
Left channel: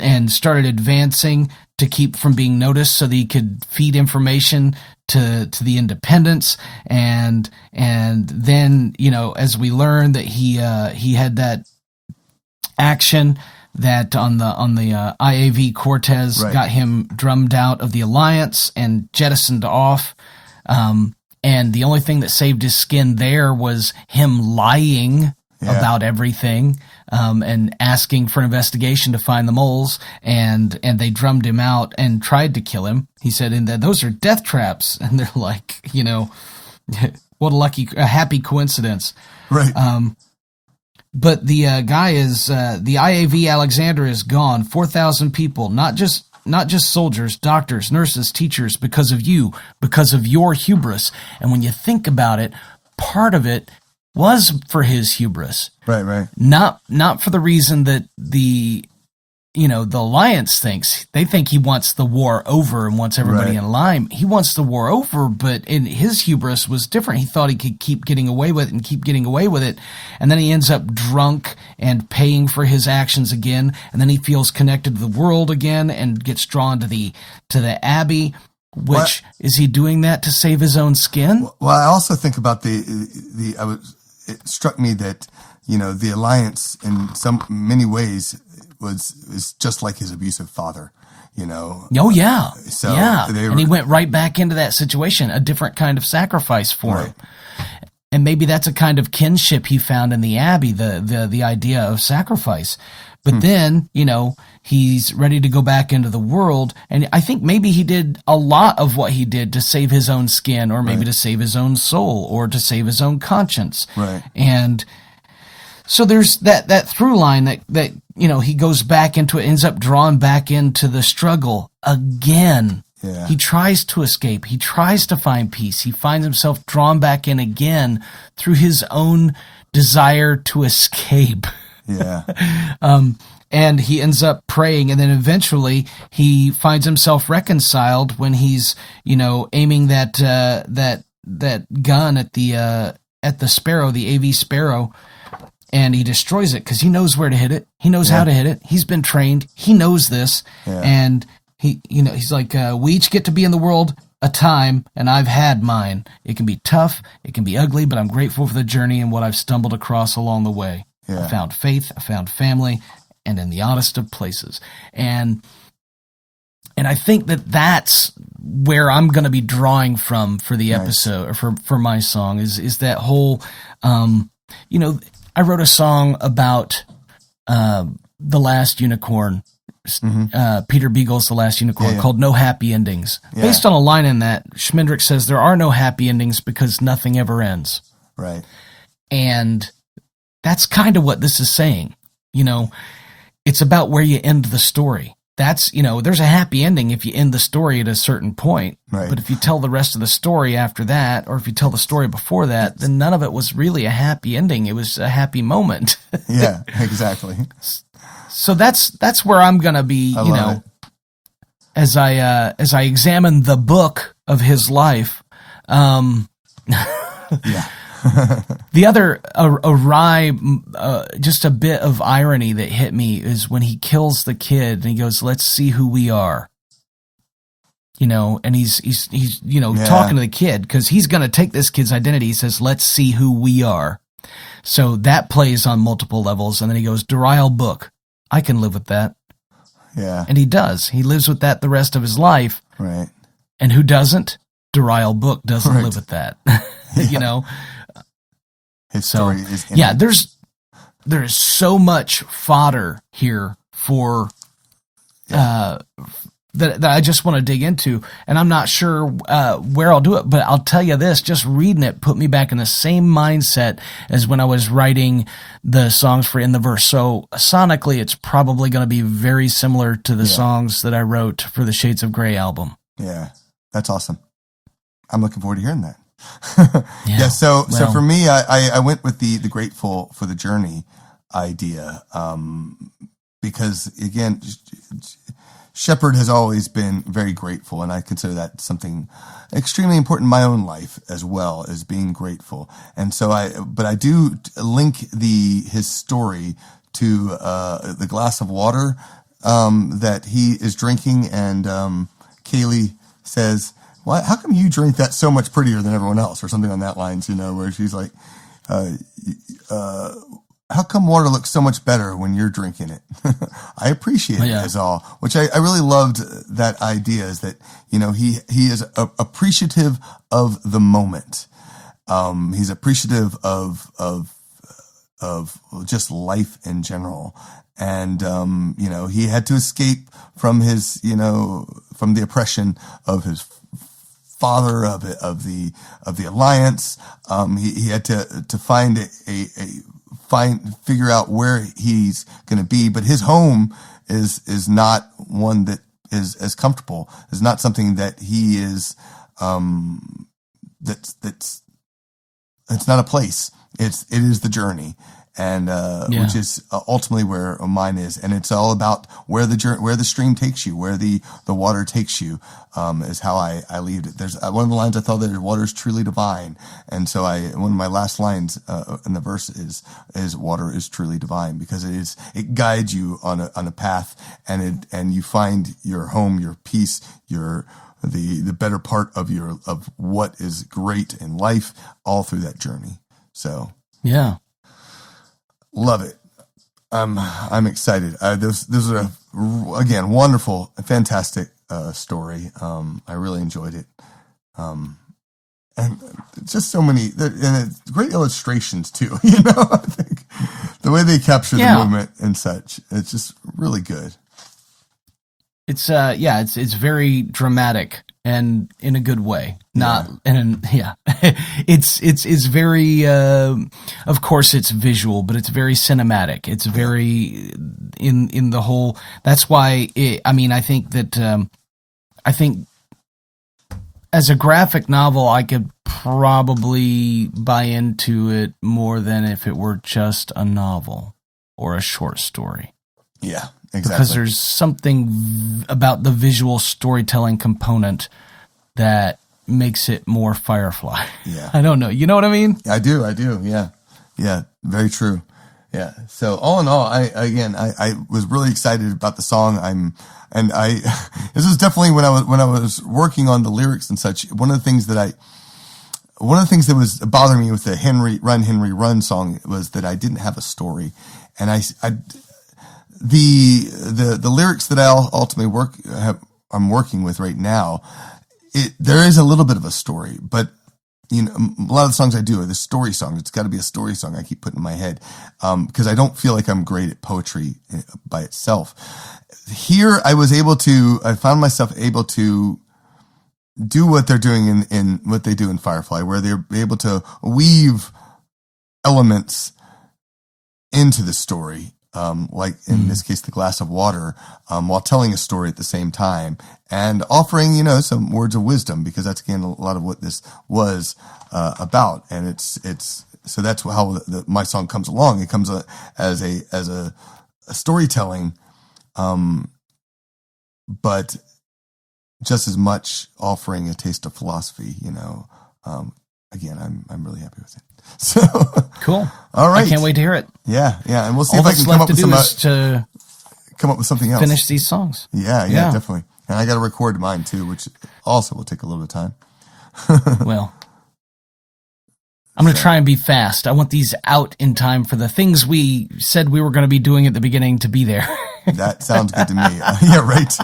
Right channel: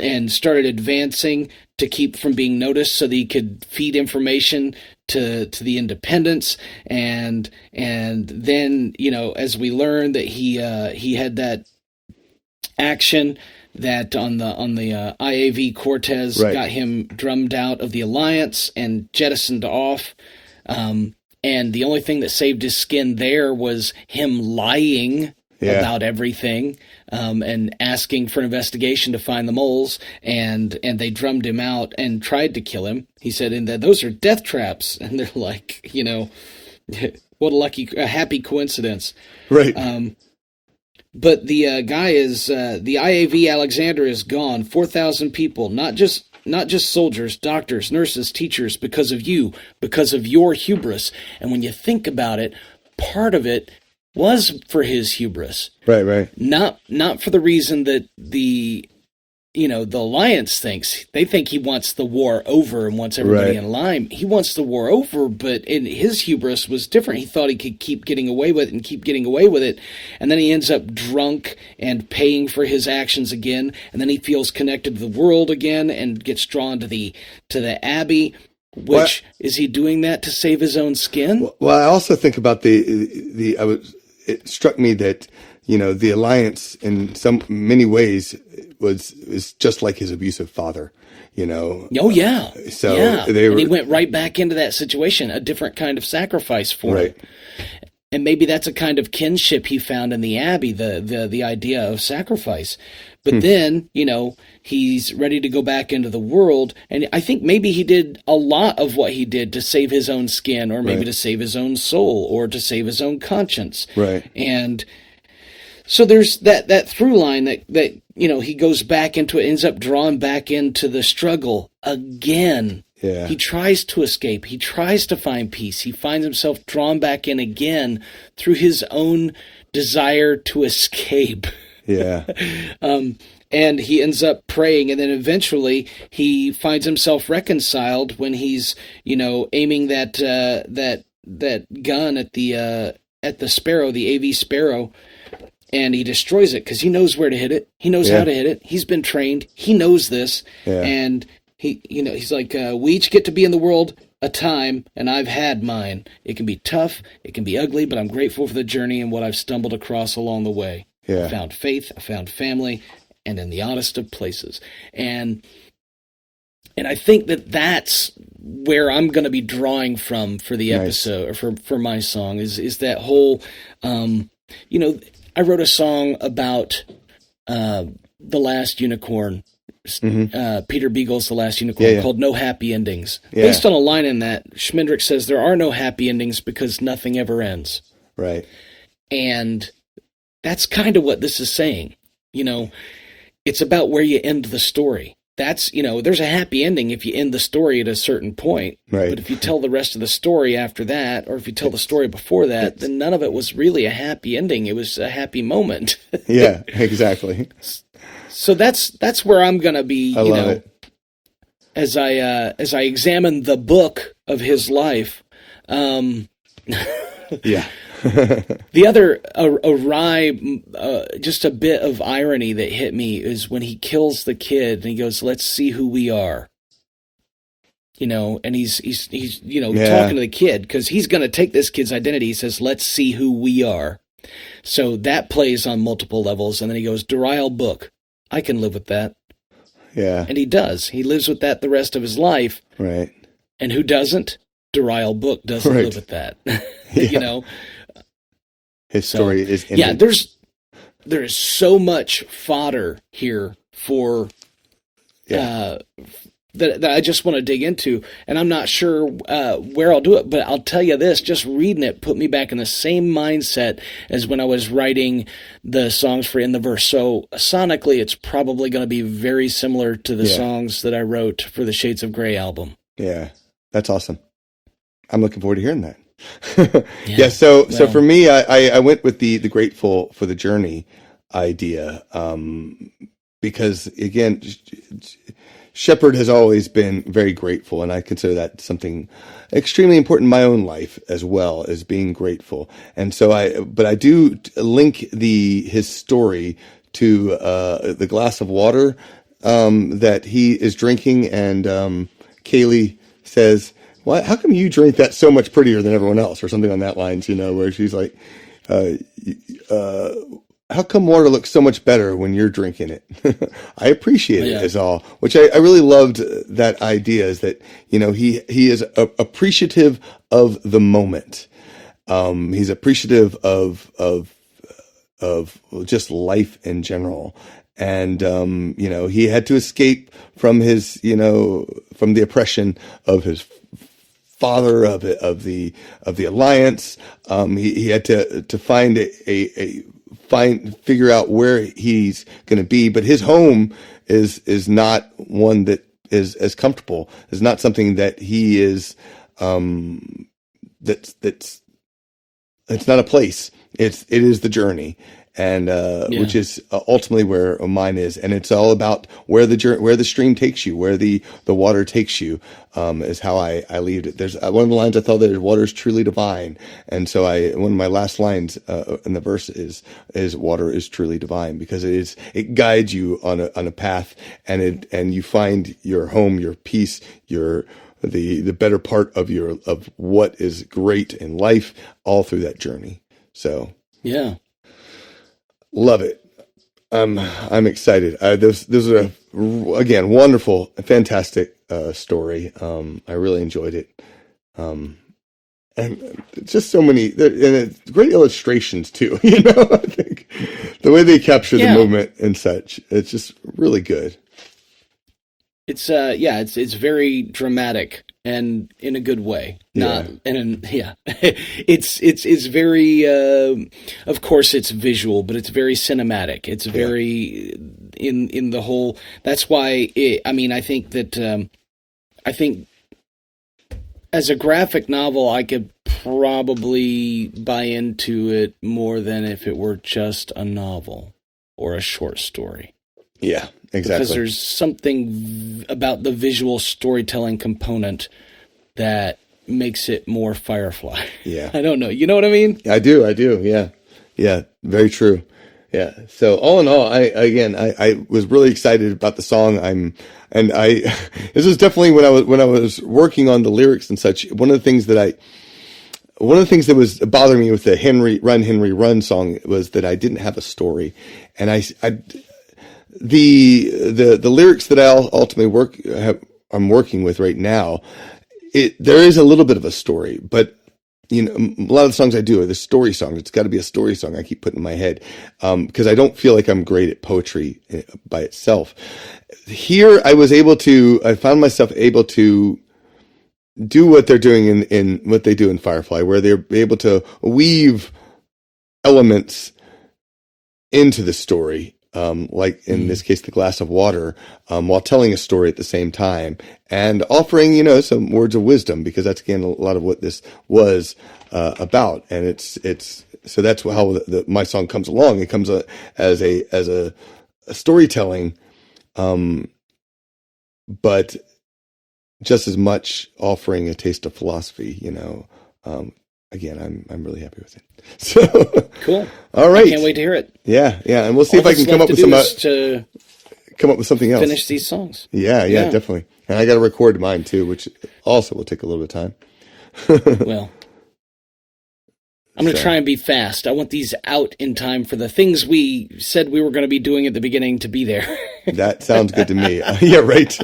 and started advancing to keep from being noticed so that he could feed information to the independents, and then as we learned that he had that action that on the IAV Cortez got him drummed out of the Alliance and jettisoned off, and the only thing that saved his skin there was him lying about everything, and asking for an investigation to find the moles, and they drummed him out and tried to kill him. He said, "And those are death traps." And they're like, what a happy coincidence. Right. But the guy is the IAV Alexander is gone. 4,000 people, not just soldiers, doctors, nurses, teachers, because of you, because of your hubris. And when you think about it, part of it was for his hubris. Right. Not for the reason that the Alliance thinks. They think he wants the war over and wants everybody in line. He wants the war over, but his hubris was different. He thought he could keep getting away with it and keep getting away with it. And then he ends up drunk and paying for his actions again. And then he feels connected to the world again and gets drawn to the Abbey. Which, is he doing that to save his own skin? Well, I also think about it struck me that, the Alliance in many ways is just like his abusive father, Oh, yeah. So and he went right back into that situation, a different kind of sacrifice for him. And maybe that's a kind of kinship he found in the Abbey, the idea of sacrifice. But then, he's ready to go back into the world. And I think maybe he did a lot of what he did to save his own skin, or maybe to save his own soul, or to save his own conscience. Right. And so there's that through line that he goes back into it, ends up drawn back into the struggle again. Yeah. He tries to escape. He tries to find peace. He finds himself drawn back in again through his own desire to escape. Yeah. And he ends up praying, and then eventually he finds himself reconciled when he's, aiming that gun at the Sparrow, the AV Sparrow, and he destroys it because he knows where to hit it. He knows how to hit it. He's been trained. He knows this, and he's like, we each get to be in the world a time, and I've had mine. It can be tough, it can be ugly, but I'm grateful for the journey and what I've stumbled across along the way. I found faith, I found family, and in the oddest of places. And I think that's where I'm going to be drawing from for the episode, or for my song, is that whole, I wrote a song about The Last Unicorn, Peter Beagle's The Last Unicorn, called No Happy Endings. Based on a line in that, Schmendrick says there are no happy endings because nothing ever ends. Right. And that's kind of what this is saying. It's about where you end the story. That's, there's a happy ending if you end the story at a certain point. Right. But if you tell the rest of the story after that, or if you tell the story before that, then none of it was really a happy ending. It was a happy moment. Yeah, exactly. So that's where I'm going to be, as I examine the book of his life. Yeah. The other just a bit of irony that hit me is when he kills the kid and he goes, "Let's see who we are." And he's talking to the kid because he's going to take this kid's identity. He says, "Let's see who we are." So that plays on multiple levels. And then he goes, "Durial book. I can live with that." Yeah. And he does. He lives with that the rest of his life. Right. And who doesn't? Durial book doesn't live with that. His story is ended. Yeah, there is so much fodder here for that I just want to dig into, and I'm not sure where I'll do it, but I'll tell you this, just reading it put me back in the same mindset as when I was writing the songs for In the Verse. So sonically, it's probably going to be very similar to the songs that I wrote for the Shades of Grey album. Yeah, that's awesome. I'm looking forward to hearing that. So for me, I went with the grateful for the journey idea, because again, Shepherd has always been very grateful, and I consider that something extremely important in my own life as well, as being grateful. And so I do link his story to the glass of water that he is drinking, and Kaylee says, "Why? How come you drink that so much prettier than everyone else?" Or something on that lines, where she's like, "How come water looks so much better when you're drinking it?" I appreciate it is all, which I really loved that idea, is that, he is appreciative of the moment. He's appreciative of just life in general. And, he had to escape from his, from the oppression of his father, of the Alliance. He had to find a figure out where he's going to be. But his home is not one that is as comfortable. It's not something that he is, it's not a place. It is the journey. And, which is ultimately where mine is. And it's all about where the stream takes you, where the water takes you, is how I leave it. There's one of the lines I thought that water is truly divine. And so one of my last lines, in the verse is water is truly divine, because it guides you on a path, and you find your home, your peace, the better part of what is great in life all through that journey. So. Yeah. Love it. I'm excited. This are again wonderful, fantastic story. I really enjoyed it, and just so many and it's great illustrations too. You know, I think the way they capture the movement and such, it's just really good. It's it's very dramatic and in a good way. It's very of course it's visual, but it's very cinematic. It's very in the whole. That's why I think as a graphic novel I could probably buy into it more than if it were just a novel or a short story. Yeah. Exactly. Because there's something about the visual storytelling component that makes it more Firefly. Yeah. I don't know. You know what I mean? I do. Yeah. Yeah. Very true. Yeah. So all in all, I was really excited about the song. This was definitely when I was working on the lyrics and such. One of the things that was bothering me with the Henry Run song was that I didn't have a story. And the lyrics that I ultimately I'm working with right now, there is a little bit of a story, but you know, a lot of the songs I do are the story songs. It's got to be a story song I keep putting in my head, because I don't feel like I'm great at poetry by itself. Here, I found myself able to do what they're doing in what they do in Firefly, where they're able to weave elements into the story. Like in this case, the glass of water, while telling a story at the same time and offering, you know, some words of wisdom, because that's again a lot of what this was about. And it's so that's how my song comes along. It comes as a storytelling, but just as much offering a taste of philosophy. You know, again, I'm really happy with it. So cool. All right. I can't wait to hear it. Yeah. And we'll see if I can come up with something else. Finish these songs. Yeah, definitely. And I got to record mine too, which also will take a little bit of time. Well, I'm going to try and be fast. I want these out in time for the things we said we were going to be doing at the beginning to be there. That sounds good to me. Yeah, right.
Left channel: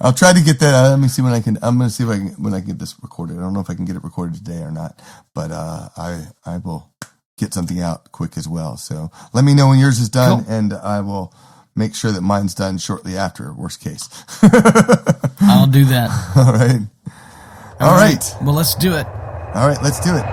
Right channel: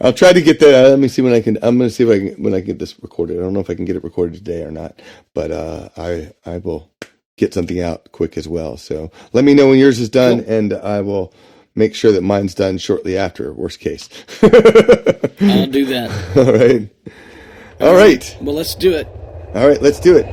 I'll try to get that. Let me see when I can. I'm going to see when I can get this recorded. I don't know if I can get it recorded today or not, but I will get something out quick as well. So let me know when yours is done, cool. And I will make sure that mine's done shortly after. Worst case. I'll do that. All right. All right. Well, let's do it. All right, let's do it.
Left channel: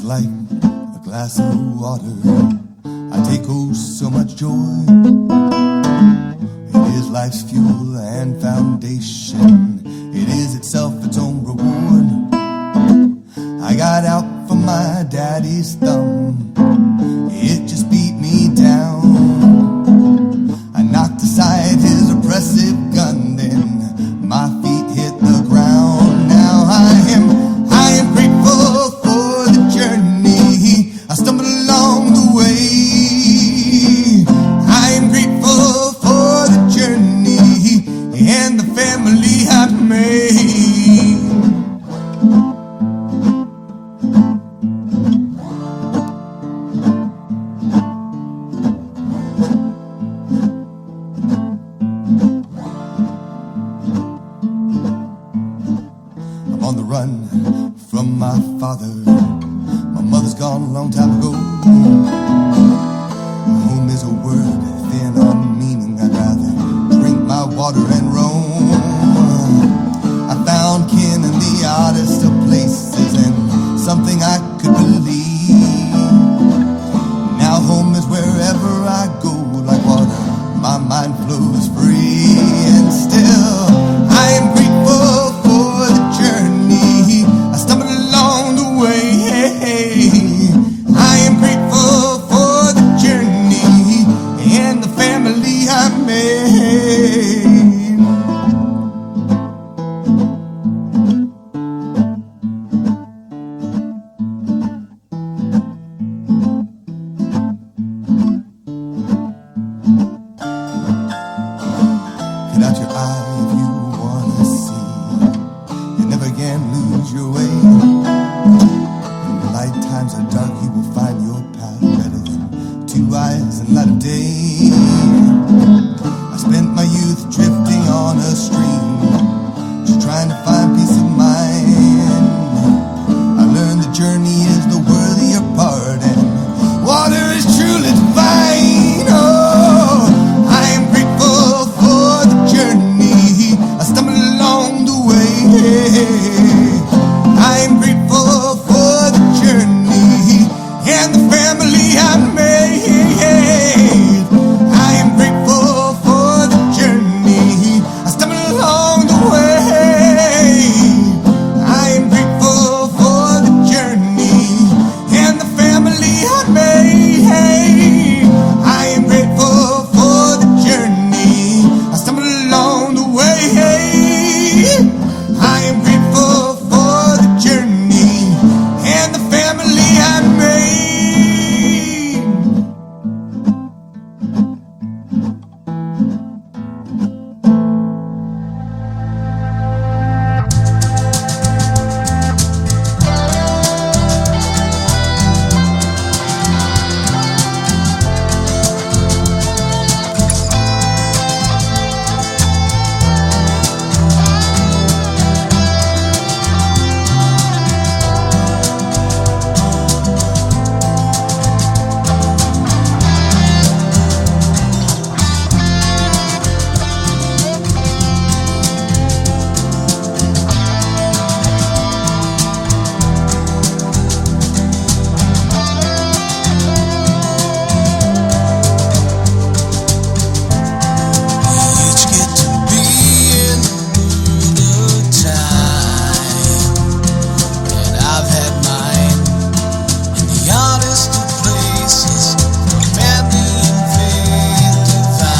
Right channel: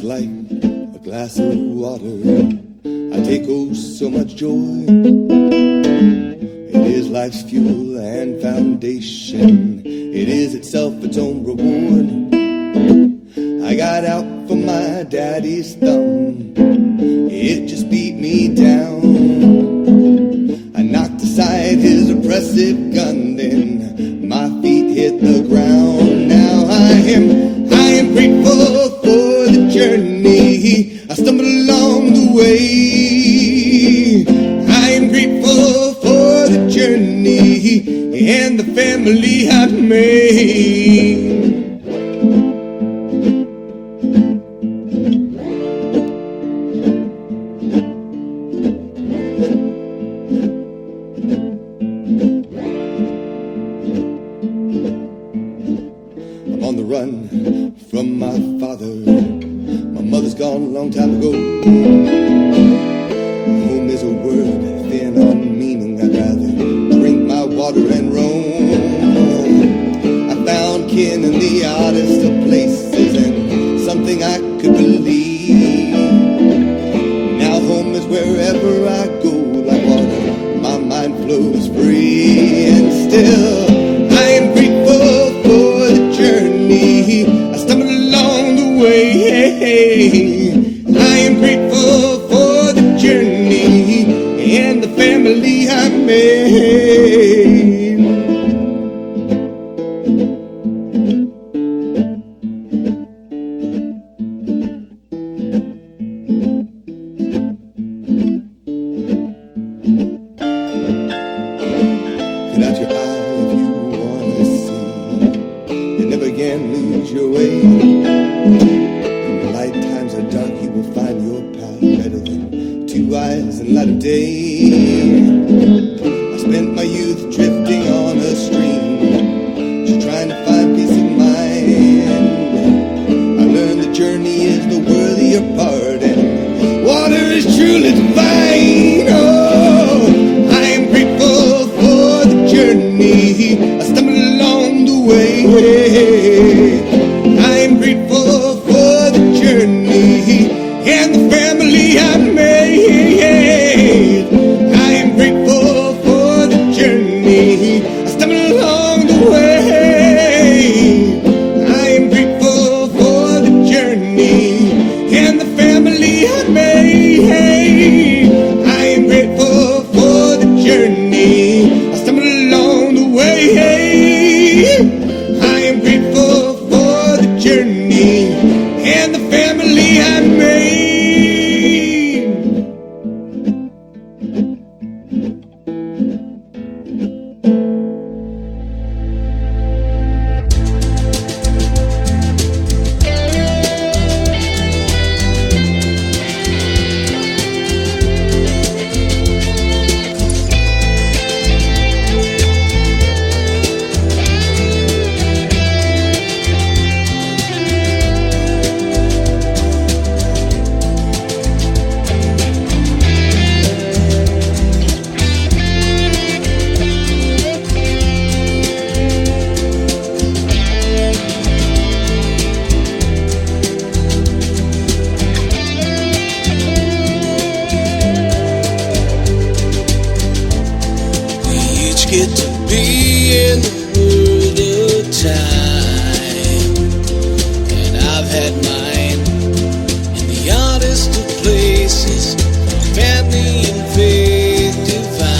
Like a glass of water, I take so much joy. It is life's fuel and foundation. It is itself its own reward. I got out from my daddy's thumb. It just beat me down. I knocked aside his oppressive gun, then my feet hit the ground. Now I am grateful for the journey. I stumbled along the way. I am grateful for the journey and the family I've made. I'm on the run from my father. Home is a word thin on meaning. I'd rather drink my water and roam. I found kin in the oddest of places and something I could believe. Now home is wherever I go, like water, my mind flows free. And still I am grateful for the journey. I stumbled along the way. I am grateful for the journey and the family I made. Cut out your eye if you wanna see. You never again lose your way. When the light times are dark, you will find your path better than two eyes in light of day. I spent my youth drifting on a stream, just trying to find peace of mind. I learned the journey is the worthier part, and water is truly divine. Oh, I am grateful for the journey. I stumbled along the way. I am grateful for the journey and the family I made. I am grateful for the journey. I stumbled along the way. I am grateful for the journey and the family I made. I am grateful for the journey. I stumbled along the way. I am grateful for the journey and the family I made. Get to be in the world of time, and I've had mine in the oddest of places, family and faith divine.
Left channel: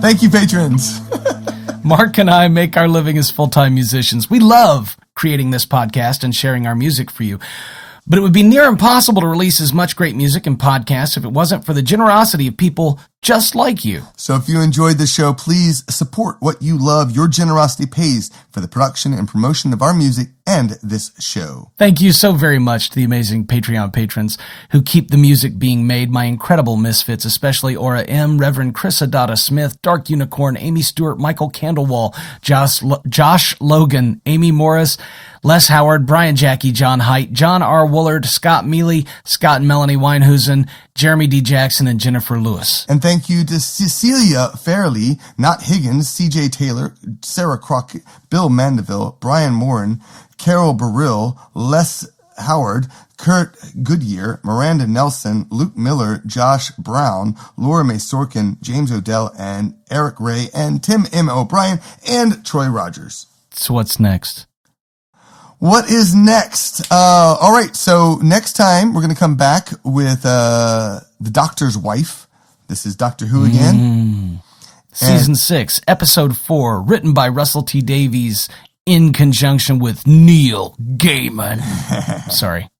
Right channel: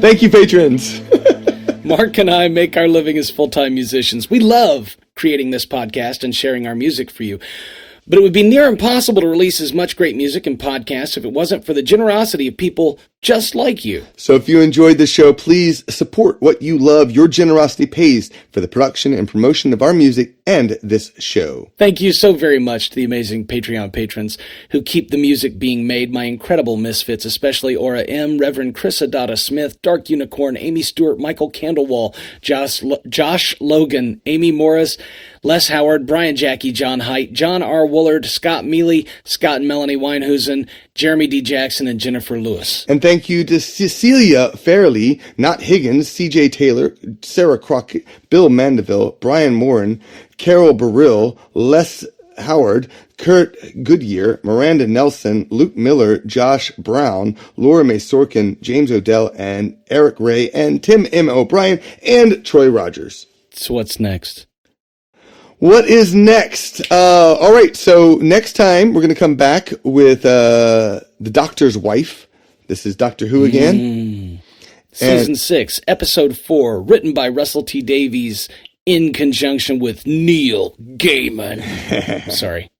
Thank you, patrons. Mark and I make our living as full-time musicians. We love creating this podcast and sharing our music for you. But it would be near impossible to release as much great music and podcasts if it wasn't for the generosity of people just like you. So if you enjoyed the show, please support what you love. Your generosity pays for the production and promotion of our music and this show. Thank you so very much to the amazing Patreon patrons who keep the music being made, my incredible misfits, especially Aura M, Reverend Chris Adata Smith, Dark Unicorn, Amy Stewart, Michael Candlewall, Josh Logan, Amy Morris, Les Howard, Brian Jackie, John Haidt, John R. Woolard, Scott Mealy, Scott and Melanie Weinhusen, Jeremy D. Jackson, and Jennifer Lewis. And thank you to Cecilia Fairley, Not Higgins, CJ Taylor, Sarah Crockett, Bill Mandeville, Brian Morin, Carol Burrill, Les Howard, Kurt Goodyear, Miranda Nelson, Luke Miller, Josh Brown, Laura Mae Sorkin, James Odell, and Eric Ray, and Tim M. O'Brien, and Troy Rogers. So what's next? What is next? All right, so next time we're going to come back with The Doctor's Wife. This is Doctor Who again. Season 6, Episode 4, written by Russell T. Davies in conjunction with Neil Gaiman. Sorry.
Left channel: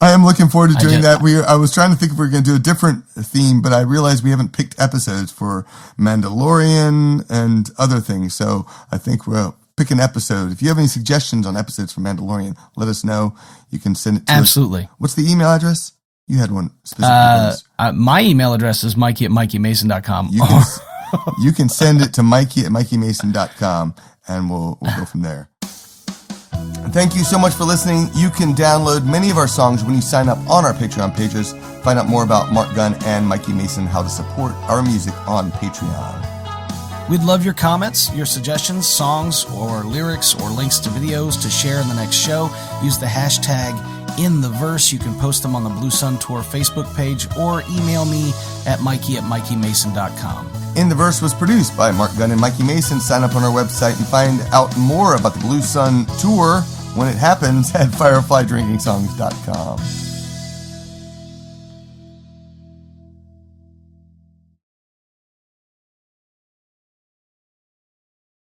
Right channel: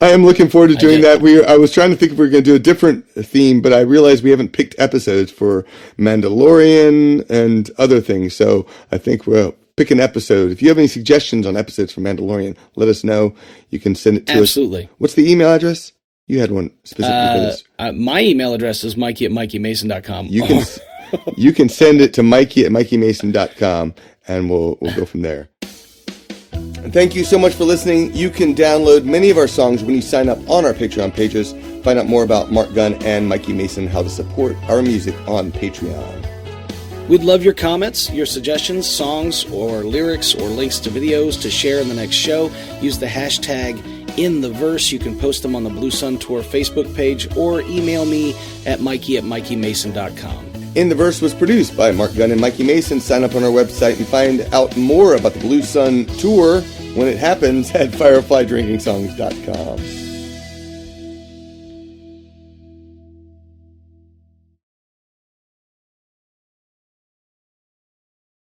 I am looking forward to doing that. I was trying to think if we were going to do a different theme, but I realized we haven't picked episodes for Mandalorian and other things, so I think we'll pick an episode. If you have any suggestions on episodes for Mandalorian, let us know. You can send it to us. Absolutely. What's the email address? You had one specifically for this. My email address is mikey@mikeymason.com. You can send it to mikey@mikeymason.com, and we'll go from there. And thank you so much for listening. You can download many of our songs when you sign up on our Patreon pages. Find out more about Marc Gunn and Mikey Mason, how to support our music on Patreon. We'd love your comments, your suggestions, songs, or lyrics, or links to videos to share in the next show. Use the hashtag #InTheVerse. You can post them on the Blue Sun Tour Facebook page or email me at mikey@mikeymason.com. In the Verse was produced by Marc Gunn and Mikey Mason. Sign up on our website and find out more about the Blue Sun Tour when it happens at fireflydrinkingsongs.com.